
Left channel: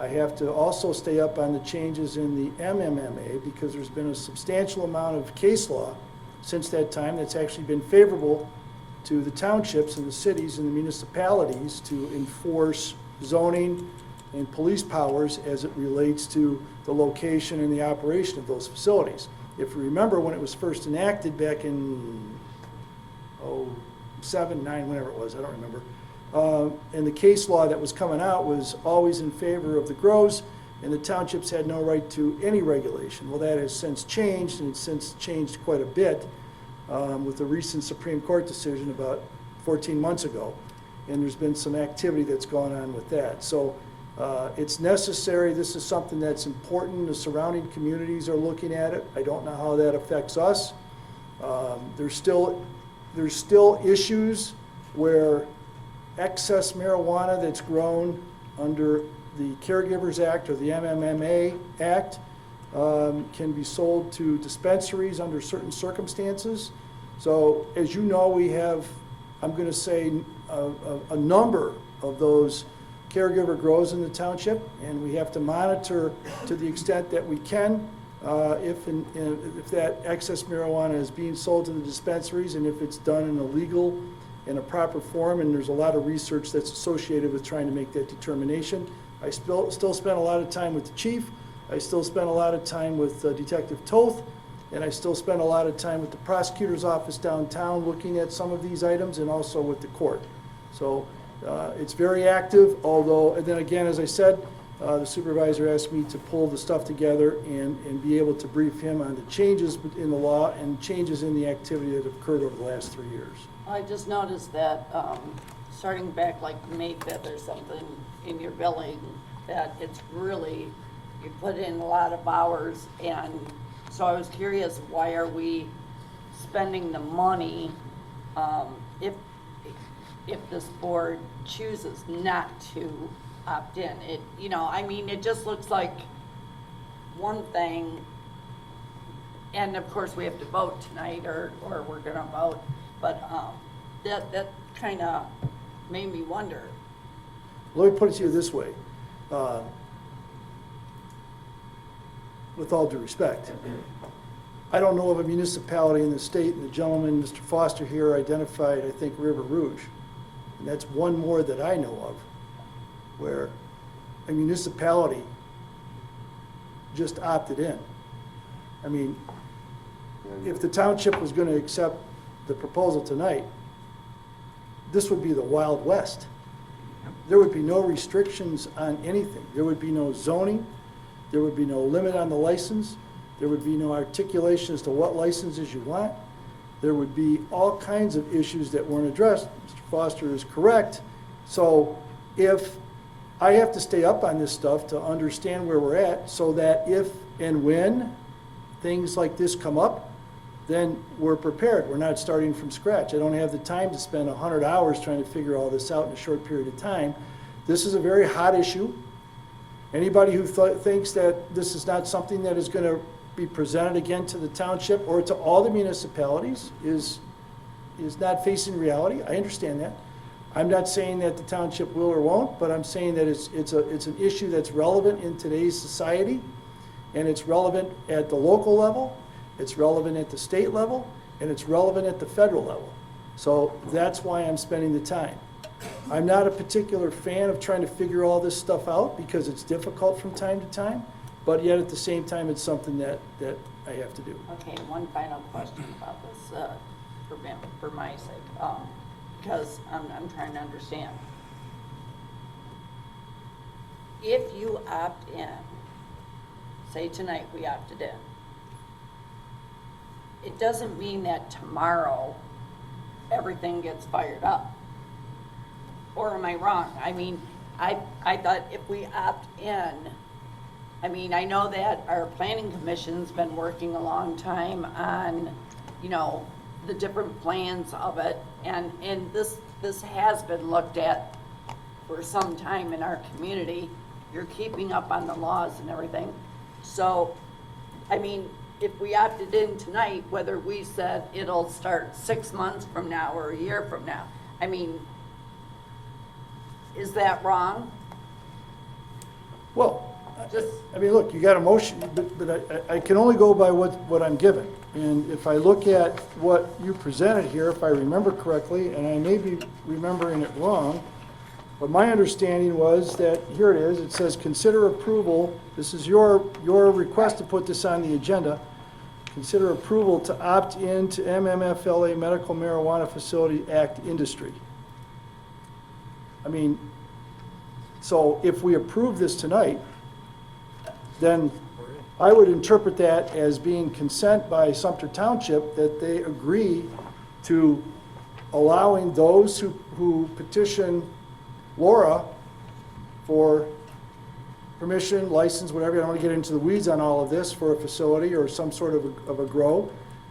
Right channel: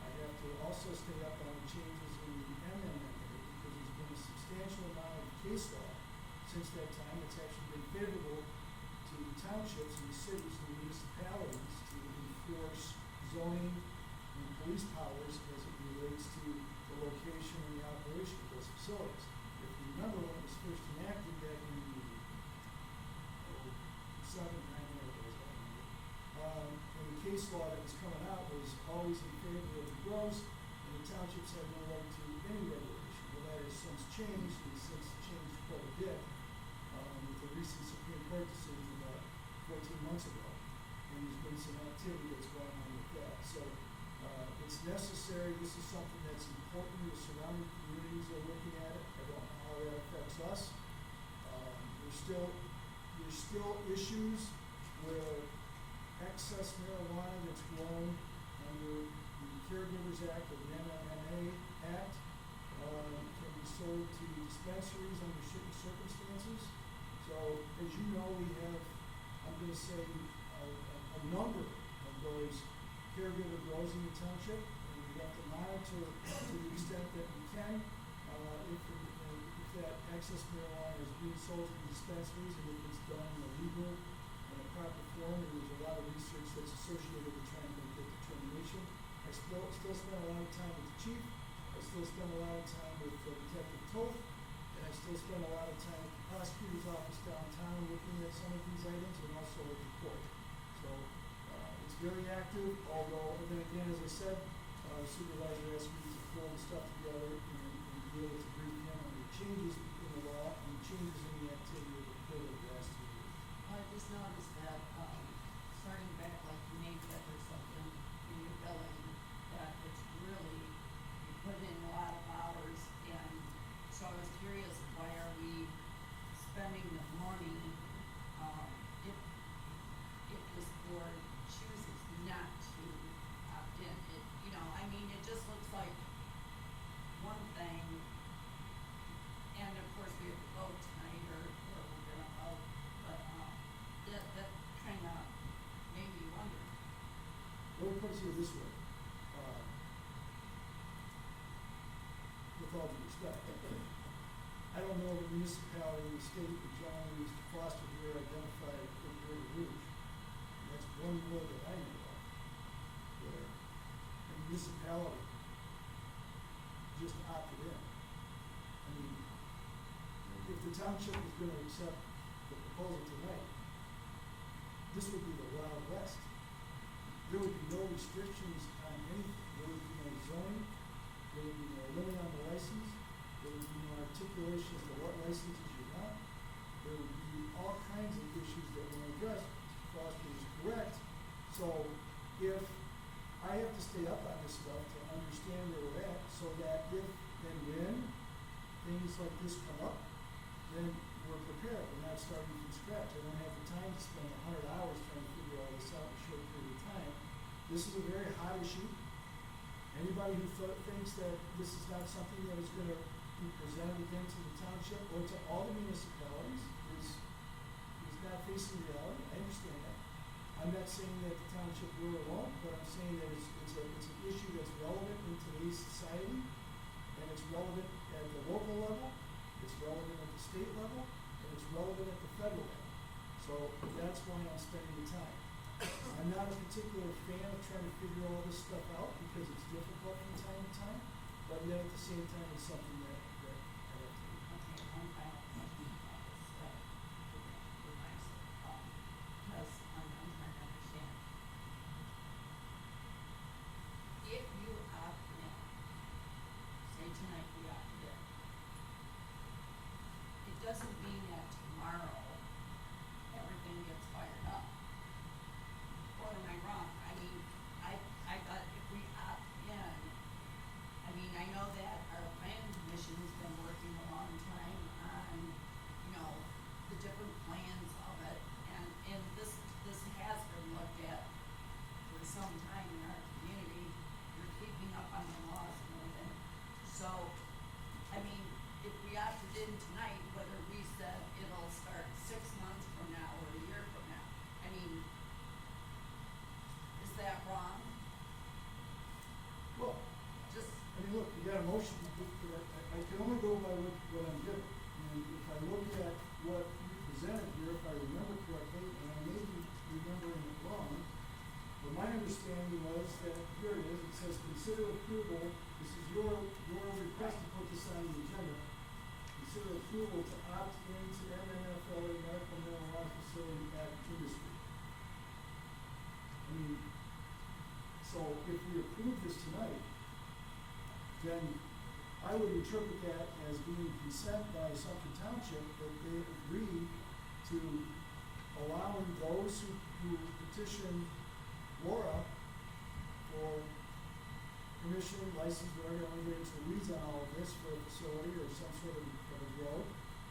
I have to also stay up on the changes in the MMMA because there's been a substantial amount of case law since that time that's actually been favorable to the townships and the cities and the municipalities to enforce zoning and police powers as it relates to the location and the operation of those facilities. If you remember when it was first enacted back in 07, 09, whenever it was, I don't remember. And the case law that was coming out was always in favor of the grows, and the townships had no right to any regulation. Well, that has since changed, and it's since changed quite a bit with the recent Supreme Court decision about 14 months ago. And there's been some activity that's gone on with that. So it's necessary. This is something that's important. The surrounding communities are looking at it. I don't know how that affects us. There's still issues where excess marijuana that's grown under the Caregivers Act or the MMMA Act can be sold to dispensaries under certain circumstances. So as you know, we have, I'm going to say, a number of those caregiver grows in the township, and we have to monitor to the extent that we can if that excess marijuana is being sold to the dispensaries and if it's done in a legal and a proper form, and there's a lot of research that's associated with trying to make that determination. I still spend a lot of time with the chief. I still spend a lot of time with Detective Toth, and I still spend a lot of time with the prosecutor's office downtown looking at some of these items and also with the court. So it's very active, although, and then again, as I said, the supervisor asked me to pull the stuff together and be able to brief him on the changes in the law and changes in the activity that have occurred over the last 3 years. I just noticed that, starting back like May 5th or something in your billing, that it's really, you put in a lot of hours, and so I was curious, why are we spending the money, if this board chooses not to opt in? It, you know, I mean, it just looks like one thing, and of course we have to vote tonight, or we're gonna vote, but that kind of made me wonder. Let me put it to you this way. With all due respect, I don't know of a municipality in the state, and the gentleman, Mr. Foster here, identified, I think, River Rouge. And that's one more that I know of, where a municipality just opted in. I mean, if the township was going to accept the proposal tonight, this would be the Wild West. There would be no restrictions on anything. There would be no zoning. There would be no limit on the license. There would be no articulation as to what licenses you want. There would be all kinds of issues that weren't addressed. Mr. Foster is correct. So if I have to stay up on this stuff to understand where we're at, so that if and when things like this come up, then we're prepared. We're not starting from scratch. I don't have the time to spend 100 hours trying to figure all this out in a short period of time. This is a very hot issue. Anybody who thinks that this is not something that is going to be presented again to the township or to all the municipalities is not facing reality. I understand that. I'm not saying that the township will or won't, but I'm saying that it's an issue that's relevant in today's society, and it's relevant at the local level, it's relevant at the state level, and it's relevant at the federal level. So that's why I'm spending the time. I'm not a particular fan of trying to figure all this stuff out because it's difficult from time to time, but yet at the same time, it's something that I have to do. Okay, one final question about this, for my sake, because I'm trying to understand. If you opt in, say tonight we opted in, it doesn't mean that tomorrow everything gets fired up. Or am I wrong? I mean, I thought if we opt in, I mean, I know that our planning commission's been working a long time on, you know, the different plans of it, and this has been looked at for some time in our community. You're keeping up on the laws and everything. So, I mean, if we opted in tonight, whether we said it'll start 6 months from now or a year from now, I mean, is that wrong? Well, Just, I mean, look, you got a motion, but I can only go by what I'm given. And if I look at what you presented here, if I remember correctly, and I may be remembering it wrong, but my understanding was that, here it is, it says, consider approval, this is your request to put this on the agenda, consider approval to opt in to MMFLA Medical Marijuana Facility Act Industry. I mean, so if we approve this tonight, then I would interpret that as being consent by Sumpter Township that they agree to allowing those who petition Laura for permission, license, whatever, I don't want to get into the weeds on all of this, for a facility or some sort of a grow,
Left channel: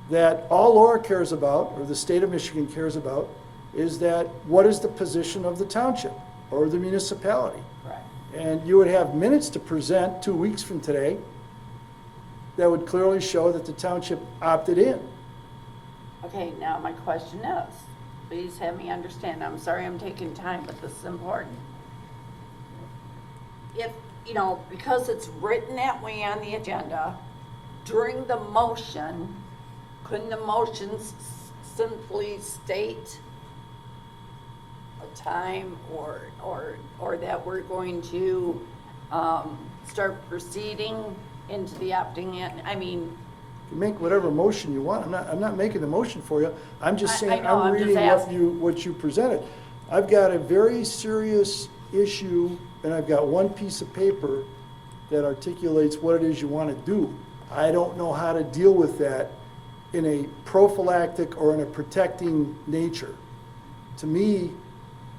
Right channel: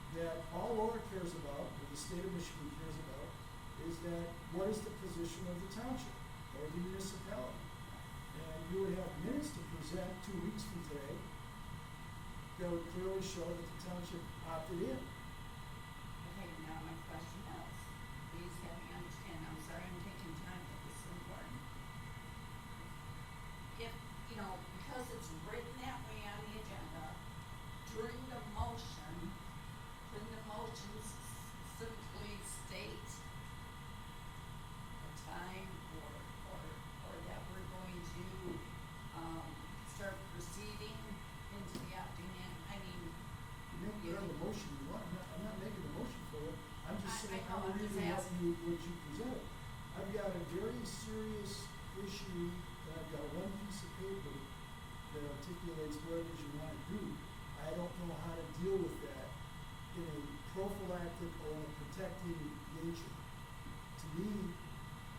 that all Laura cares about, or the state of Michigan cares about, is that what is the position of the township or the municipality? And you would have minutes to present 2 weeks from today that would clearly show that the township opted in. okay, now my question is, please have me understand, I'm sorry I'm taking time, but this is important. If, you know, because it's written that way on the agenda, during the motion, couldn't the motion simply state a time or that we're going to start proceeding into the opting in? I mean, You make whatever motion you want. I'm not making the motion for you. I'm just I saying, know, I'm I'm just reading asking. what you presented. I've got a very serious issue, and I've got one piece of paper that articulates what it is you want to do. I don't know how to deal with that in a prophylactic or in a protecting nature. To me,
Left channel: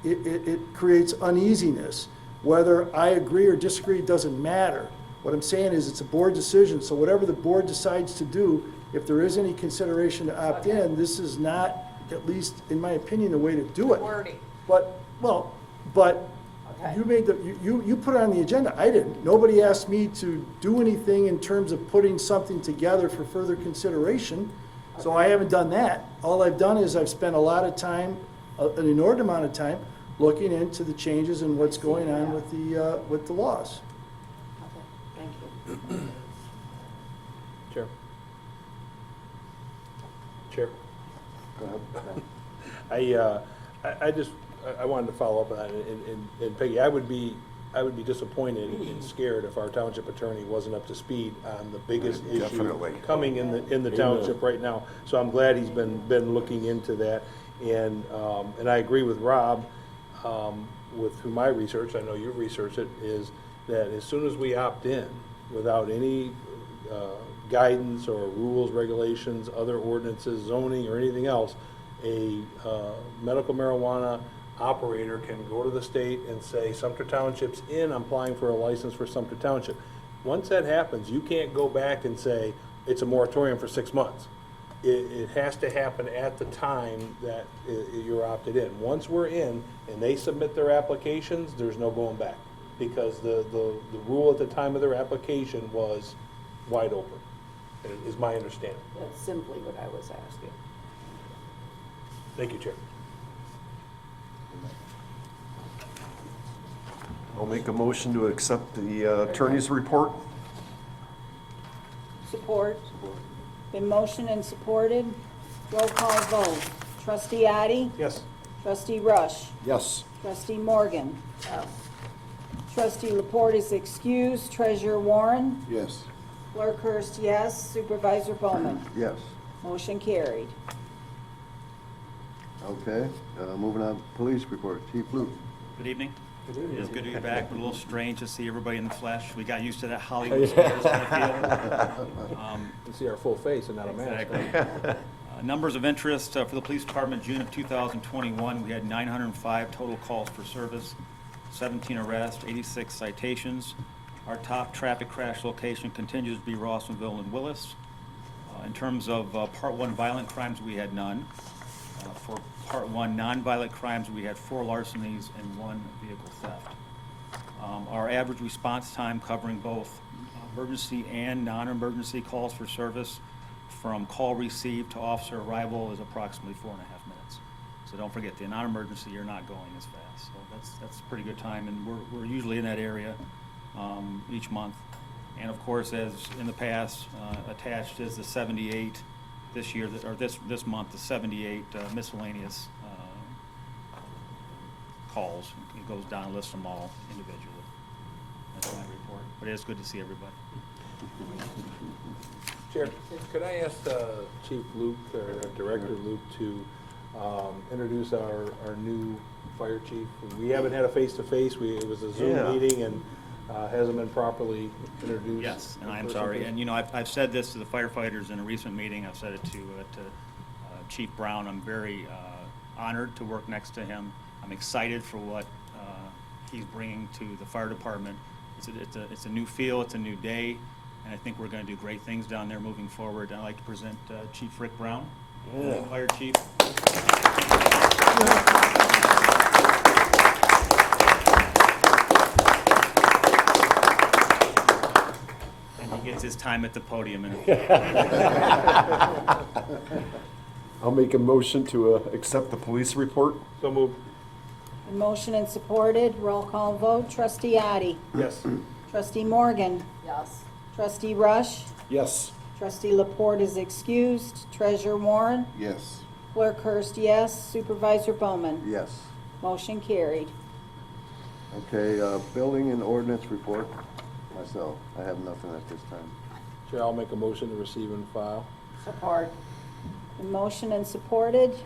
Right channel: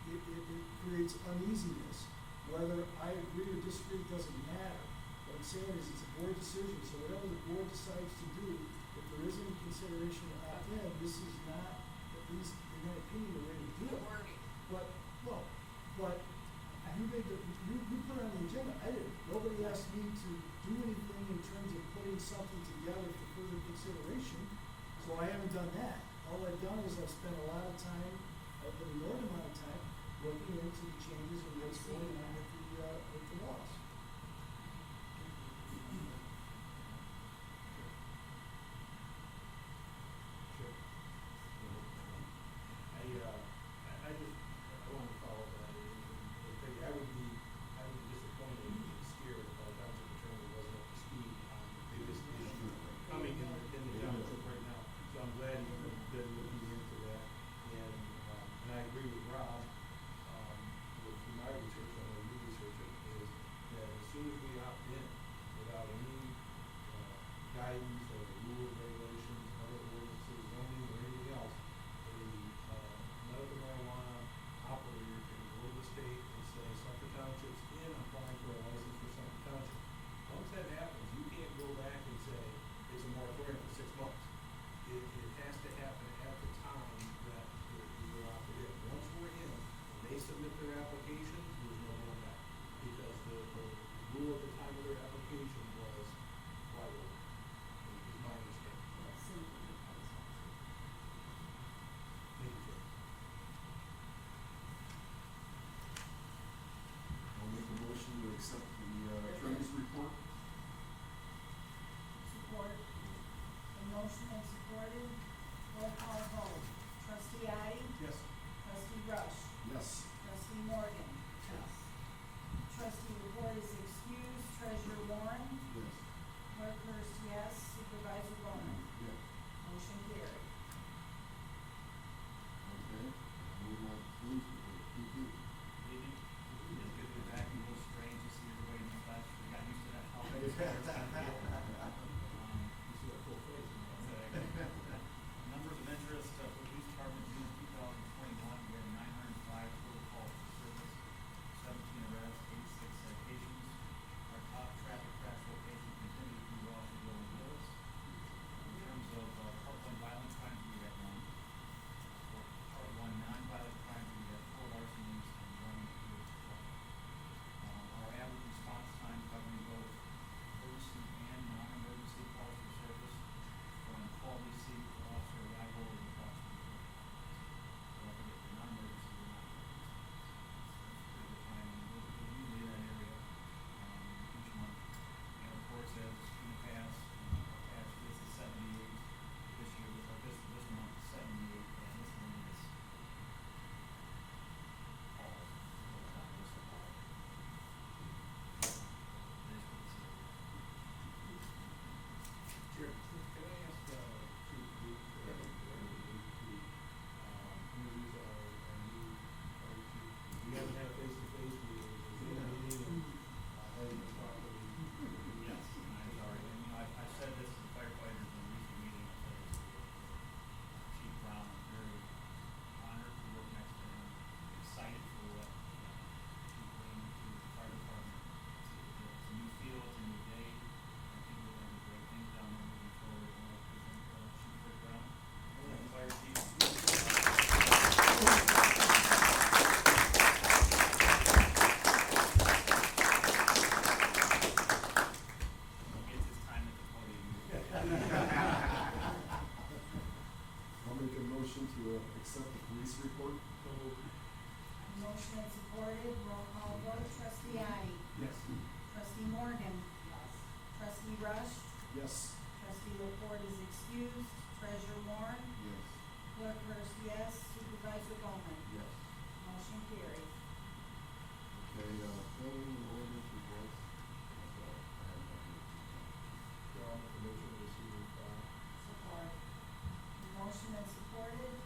it creates uneasiness. Whether I agree or disagree doesn't matter. What I'm saying is it's a board decision, so whatever the board decides to do, if there is any consideration to opt in, this is not, at least in my opinion, the way to do it. wording. But Okay. you made you put it on the agenda. I didn't. Nobody asked me to do anything in terms of putting something together for further consideration. So I haven't done that. All I've done is I've spent a lot of time, an inordinate amount of time, looking into the changes and what's going on with the laws. Okay, thank you. Chair. Chair. I wanted to follow up on that, and Peggy, I would be disappointed and scared if our township attorney wasn't up to speed on the biggest issue Definitely. coming in the township right now. So I'm glad he's been looking into that, and I agree with Rob, through my research, I know you've researched it, is that as soon as we opt in, without any guidance or rules, regulations, other ordinances, zoning, or anything else, a medical marijuana operator can go to the state and say, Sumpter Township's in, I'm applying for a license for Sumpter Township. Once that happens, you can't go back and say, it's a moratorium for 6 months. It has to happen at the time that you're opted in. Once we're in and they submit their applications, there's no going back, because the rule at the time of their application was wide open, is my understanding. That's simply what I was asking. Thank you, Chair. I'll make a motion to accept the attorney's report. Support. Been motioned and supported. Roll call vote. Trustee Addy? Yes. Trustee Rush? Yes. Trustee Morgan? Yes. Trustee Laporte is excused. Treasurer Warren? Yes. Clerk Hurst, yes. Supervisor Bowman? Yes. Motion carried. Okay, moving on, police report, Chief Luke. Good evening. It is good to be back. A little strange to see everybody in the flesh. We got used to that Hollywood stars kind of feel. You see our full face and not a mask. Exactly. Numbers of interest for the police department, June of 2021, we had 905 total calls for service, 17 arrests, 86 citations. Our top traffic crash location continues to be Rossmanville and Willis. In terms of Part 1 violent crimes, we had none. For Part 1 non-violent crimes, we had 4 larcenies and 1 vehicle theft. Our average response time covering both emergency and non-emergency calls for service from call received to officer arrival is approximately 4.5 minutes. So don't forget, the non-emergency, you're not going as fast. So that's a pretty good time, and we're usually in that area each month. And of course, as in the past, attached is the 78 this year, or this month, the 78 miscellaneous calls. It goes down, lists them all individually. That's my report. But it is good to see everybody. Chair, could I ask Chief Luke, or Director Luke, to introduce our new fire chief? We haven't had a face-to-face, it was a Zoom meeting, and hasn't been properly introduced. Yes, and I'm sorry. And, you know, I've said this to the firefighters in a recent meeting. I've said it to Chief Brown. I'm very honored to work next to him. I'm excited for what he's bringing to the fire department. It's a new feel, it's a new day, and I think we're going to do great things down there moving forward. I'd like to present Chief Rick Brown, Fire Chief. And he gets his time at the podium. I'll make a motion to accept the police report. So moved. Motion and supported, roll call vote, trustee Addie. Yes. Trustee Morgan. Yes. Trustee Rush. Yes. Trustee Laporte is excused. Treasurer Warren. Yes. Clerk Hurst, yes. Supervisor Bowman. Yes. Motion carried. Okay, building and ordinance report. Myself, I have nothing at this time. Chair, I'll make a motion to receive and file. Support. Motion and supported,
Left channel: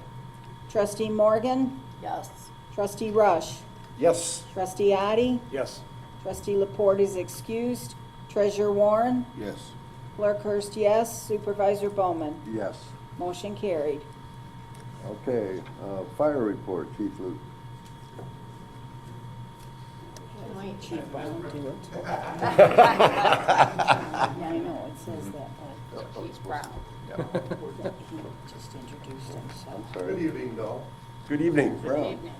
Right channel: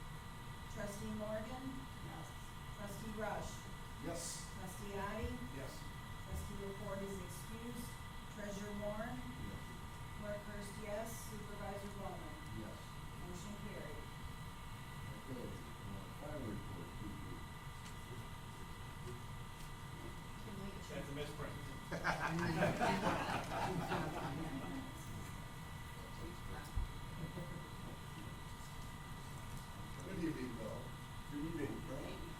trustee Morgan. Yes. Trustee Rush. Yes. Trustee Addie. Yes. Trustee Laporte is excused. Treasurer Warren. Yes. Clerk Hurst, yes. Supervisor Bowman. Yes. Motion carried. Okay, fire report, Chief Luke. Chief Brown do it. Yeah, I know, it says that. Chief Brown. He just introduced himself. I'm sorry. Good evening, Bill. Good evening. Good evening.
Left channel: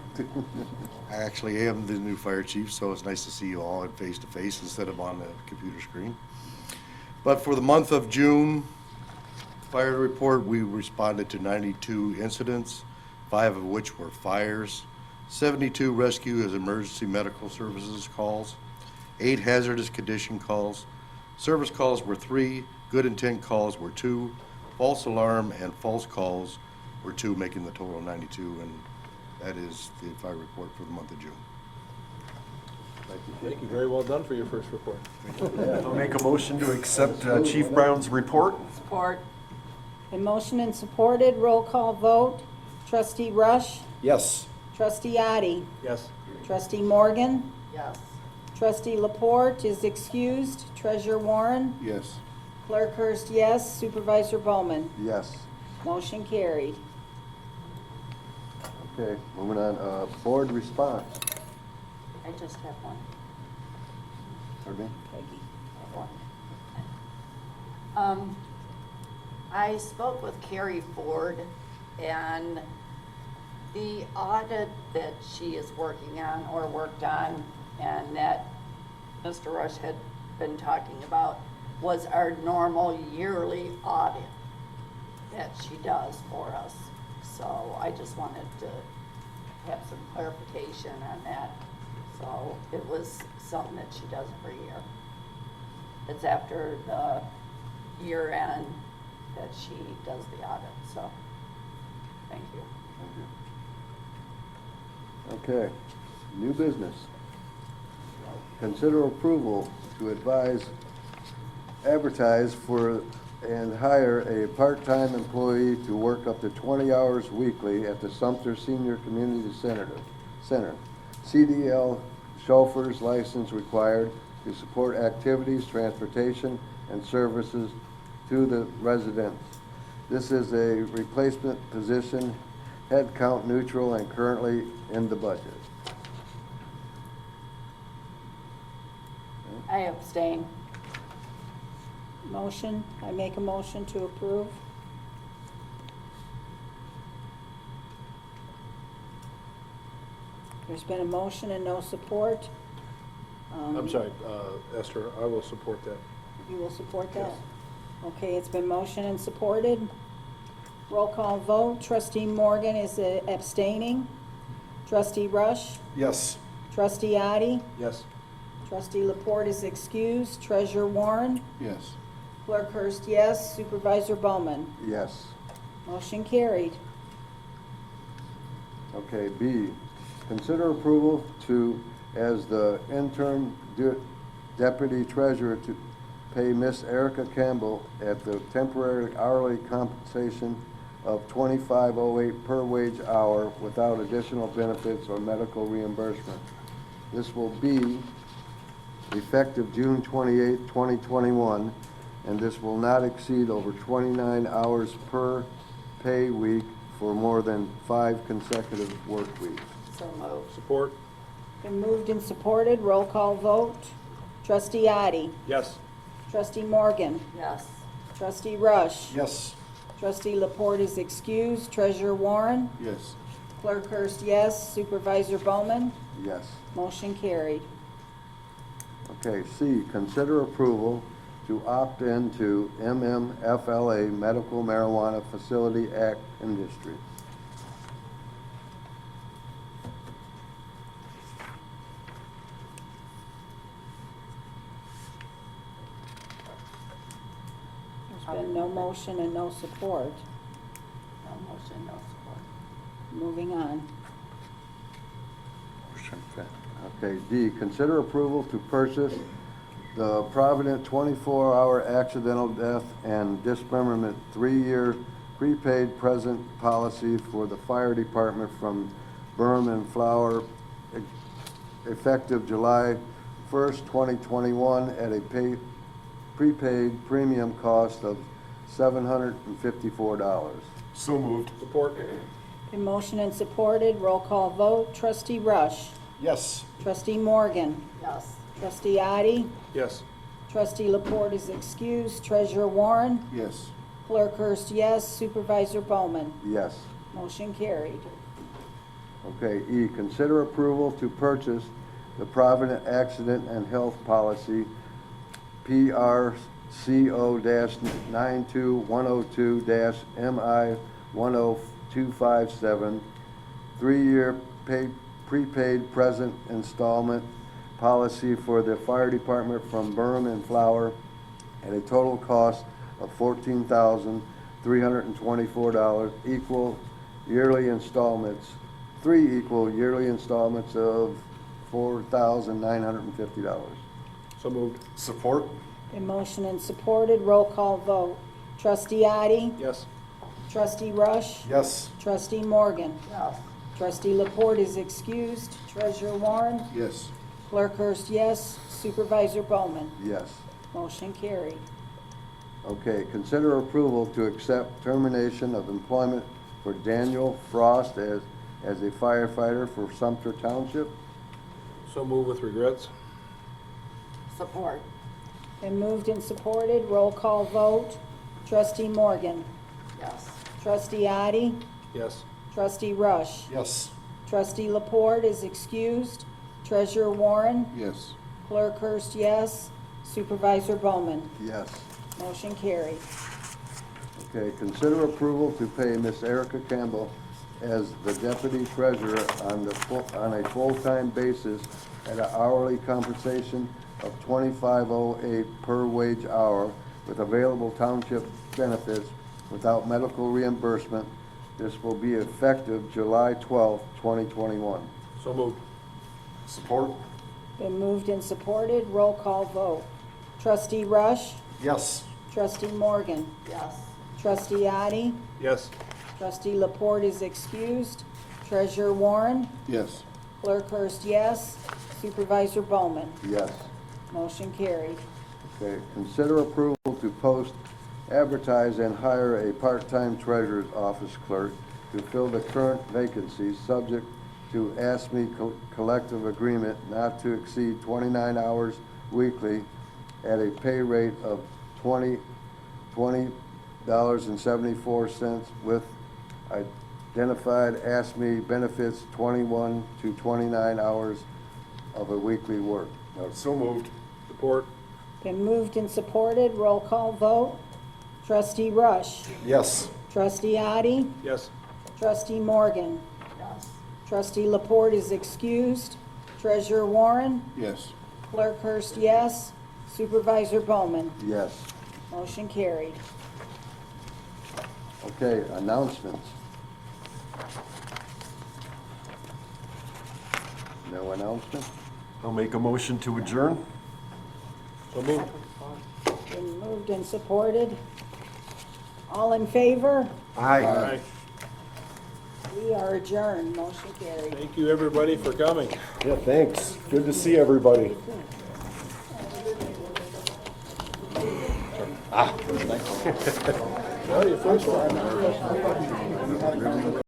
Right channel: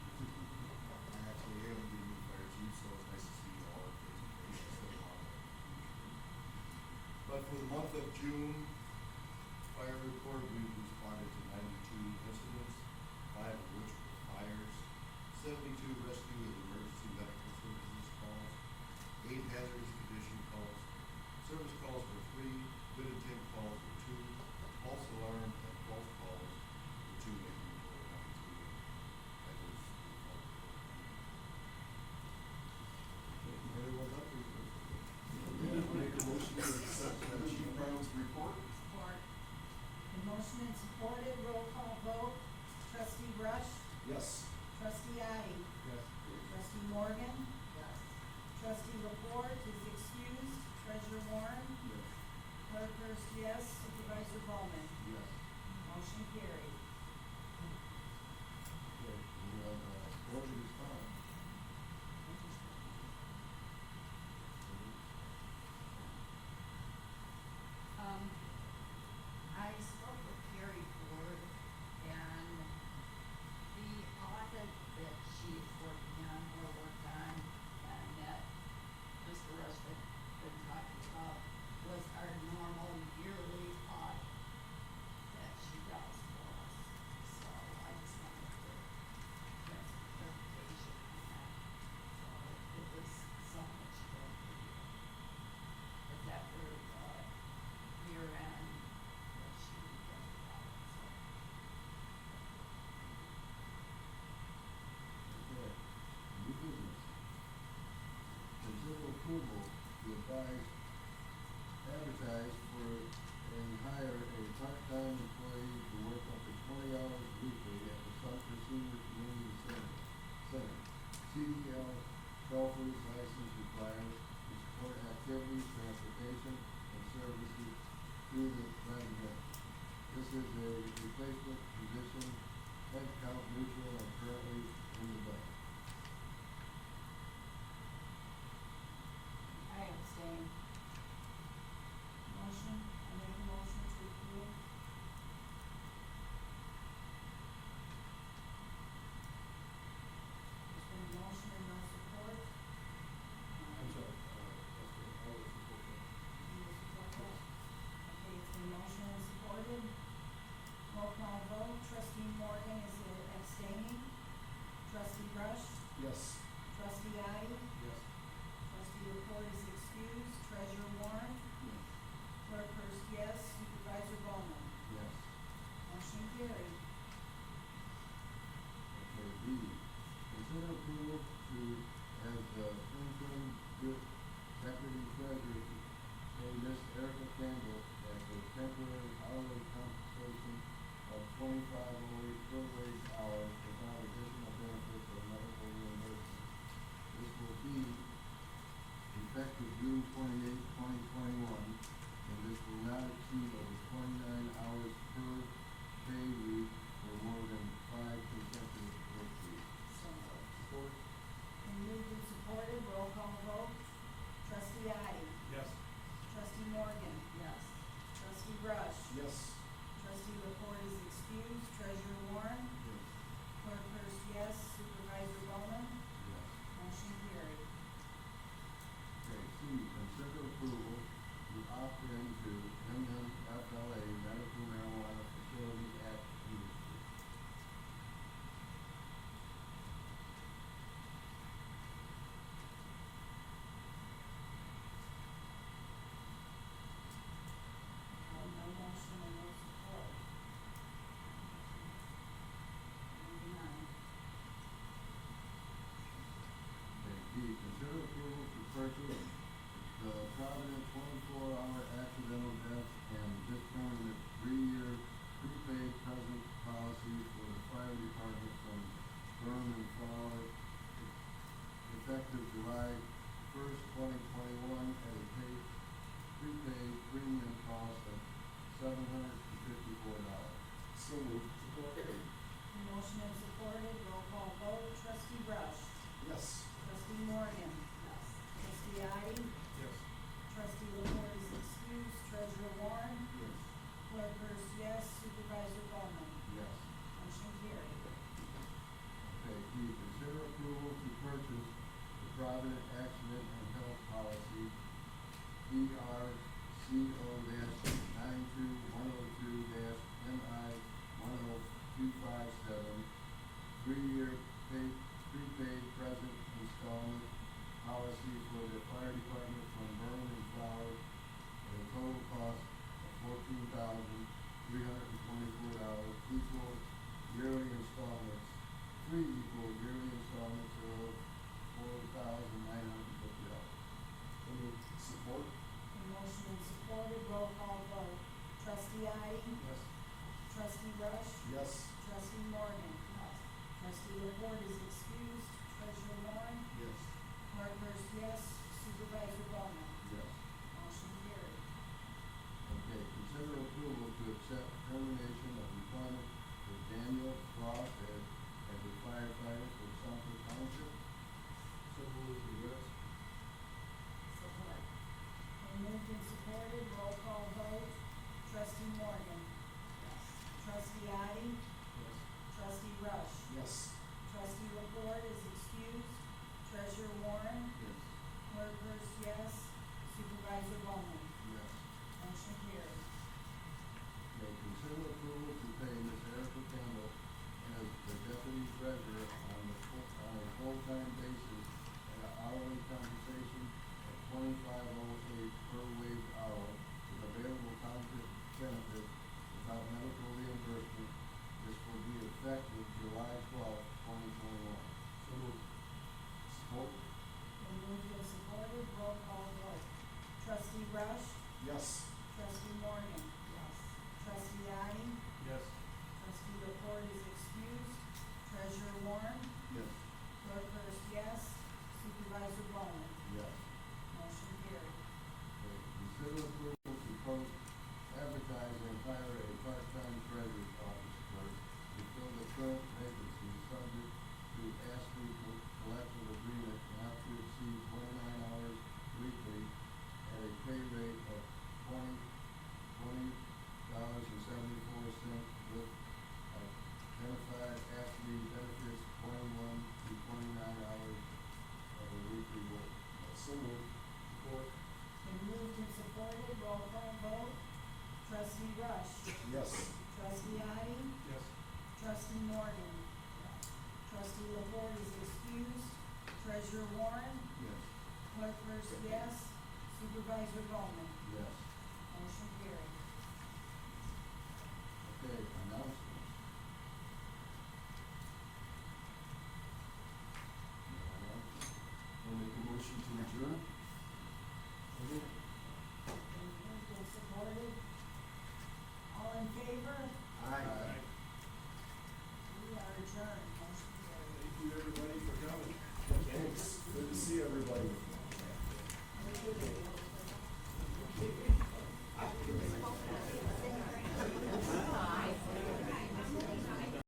I actually am the new fire chief, so it's nice to see you all face to face instead of on the computer screen. But for the month of June, fire report, we responded to 92 incidents, 5 of which were fires, 72 rescue as emergency medical services calls, 8 hazardous condition calls. Service calls were 3, good intent calls were 2, false alarm and false calls were 2, making the total 92, and that is the fire report for the month of June. Thank you. Very well done for your first report. I'll make a motion to accept Chief Brown's report. Support. And motion and supported, roll call vote, trustee Rush. Yes. Trustee Addie. Yes. Trustee Morgan. Yes. Trustee Laporte is excused. Treasurer Warren. Yes. Clerk Hurst, yes. Supervisor Bowman. Yes. Motion carried. Okay, moving on, board response. I just have one. Pardon me? I spoke with Carrie Ford, and the audit that she is working on or worked on, and that Mr. Rush had been talking about, was our normal yearly audit that she does for us. So I just wanted to have some clarification on that. So it was something that she does every year. It's after the year end that she does the audit, so, thank you. Okay, new business. Consider approval to advertise for and hire a part-time employee to work up to 20 hours weekly at the Sumpter Senior Community Center. CDL chauffeur's license required to support activities, transportation, and services to the residents. This is a replacement position, head count neutral, and currently in the budget. I abstain. Motion, I make a motion to approve. There's been a motion and no support. I'm sorry, Esther, I will support that. You will support that? Yes. Okay, it's been motion and supported. Roll call vote. Trustee Morgan is abstaining. Trustee Rush? Yes. Trustee Addy? Yes. Trustee Laporte is excused. Treasurer Warren? Yes. Clerk Hurst, yes. Supervisor Bowman? Yes. Motion carried. Okay, B, consider approval to, as the interim deputy treasurer, to pay Miss Erica Campbell at the temporary hourly compensation of $25.08 per wage hour without additional benefits or medical reimbursement. This will be effective June 28, 2021, and this will not exceed over 29 hours per pay week for more than 5 consecutive work weeks. So moved. Support? Been moved and supported. Roll call vote. Trustee Addy? Yes. Trustee Morgan? Yes. Trustee Rush? Yes. Trustee Laporte is excused. Treasurer Warren? Yes. Clerk Hurst, yes. Supervisor Bowman? Yes. Motion carried. Okay, C, consider approval to opt into MMFLA Medical Marijuana Facility Act Industry. There's been no motion and no support. No motion, no support. Moving on. Okay, D, consider approval to purchase the Provident 24-hour accidental death and dismemberment 3-year prepaid present policy for the fire department from Burn and Flower, effective July 1st, 2021, at a prepaid premium cost of $754. So moved. Support? Been motion and supported. Roll call vote. Trustee Rush? Yes. Trustee Morgan? Yes. Trustee Addy? Yes. Trustee Laporte is excused. Treasurer Warren? Yes. Clerk Hurst, yes. Supervisor Bowman? Yes. Motion carried. Okay, E, consider approval to purchase the Provident Accident and Health Policy, PRCO-92102-MI10257, 3-year prepaid present installment policy for the fire department from Burn and Flower at a total cost of $14,324, equal yearly installments, 3 equal yearly installments of $4,950. So moved. Support? Been motion and supported. Roll call vote. Trustee Addy? Yes. Trustee Rush? Yes. Trustee Morgan? Yes. Trustee Laporte is excused. Treasurer Warren? Yes. Clerk Hurst, yes. Supervisor Bowman? Yes. Motion carried. Okay, consider approval to accept termination of employment for Daniel Frost as a firefighter for Sumpter Township. So move with regrets? Support? Been moved and supported. Roll call vote. Trustee Morgan? Yes. Trustee Addy? Yes. Trustee Rush? Yes. Trustee Laporte is excused. Treasurer Warren? Yes. Clerk Hurst, yes. Supervisor Bowman? Yes. Motion carried. Okay, consider approval to pay Miss Erica Campbell as the deputy treasurer on a full-time basis at an hourly compensation of $25.08 per wage hour with available township benefits without medical reimbursement. This will be effective July 12, 2021. So moved. Support? Been moved and supported. Roll call vote. Trustee Rush? Yes. Trustee Morgan? Yes. Trustee Addy? Yes. Trustee Laporte is excused. Treasurer Warren? Yes. Clerk Hurst, yes. Supervisor Bowman? Yes. Motion carried. Okay, consider approval to post, advertise, and hire a part-time treasurer's office clerk to fill the current vacancies, subject to ASME collective agreement not to exceed 29 hours weekly at a pay rate of $20.74 with identified ASME benefits 21 to 29 hours of a weekly work. So moved. Support. Been moved and supported, roll call vote. Trustee Rush. Yes. Trustee Addie. Yes. Trustee Morgan. Trustee Laporte is excused. Treasurer Warren. Yes. Clerk Hurst, yes. Supervisor Bowman. Yes. Motion carried. Okay, announcements. No announcement? I'll make a motion to adjourn. So moved. Been moved and supported. All in favor? Aye. We are adjourned. Motion carried. Thank you, everybody, for coming. Yeah, thanks. Good to see everybody. Well, your first one.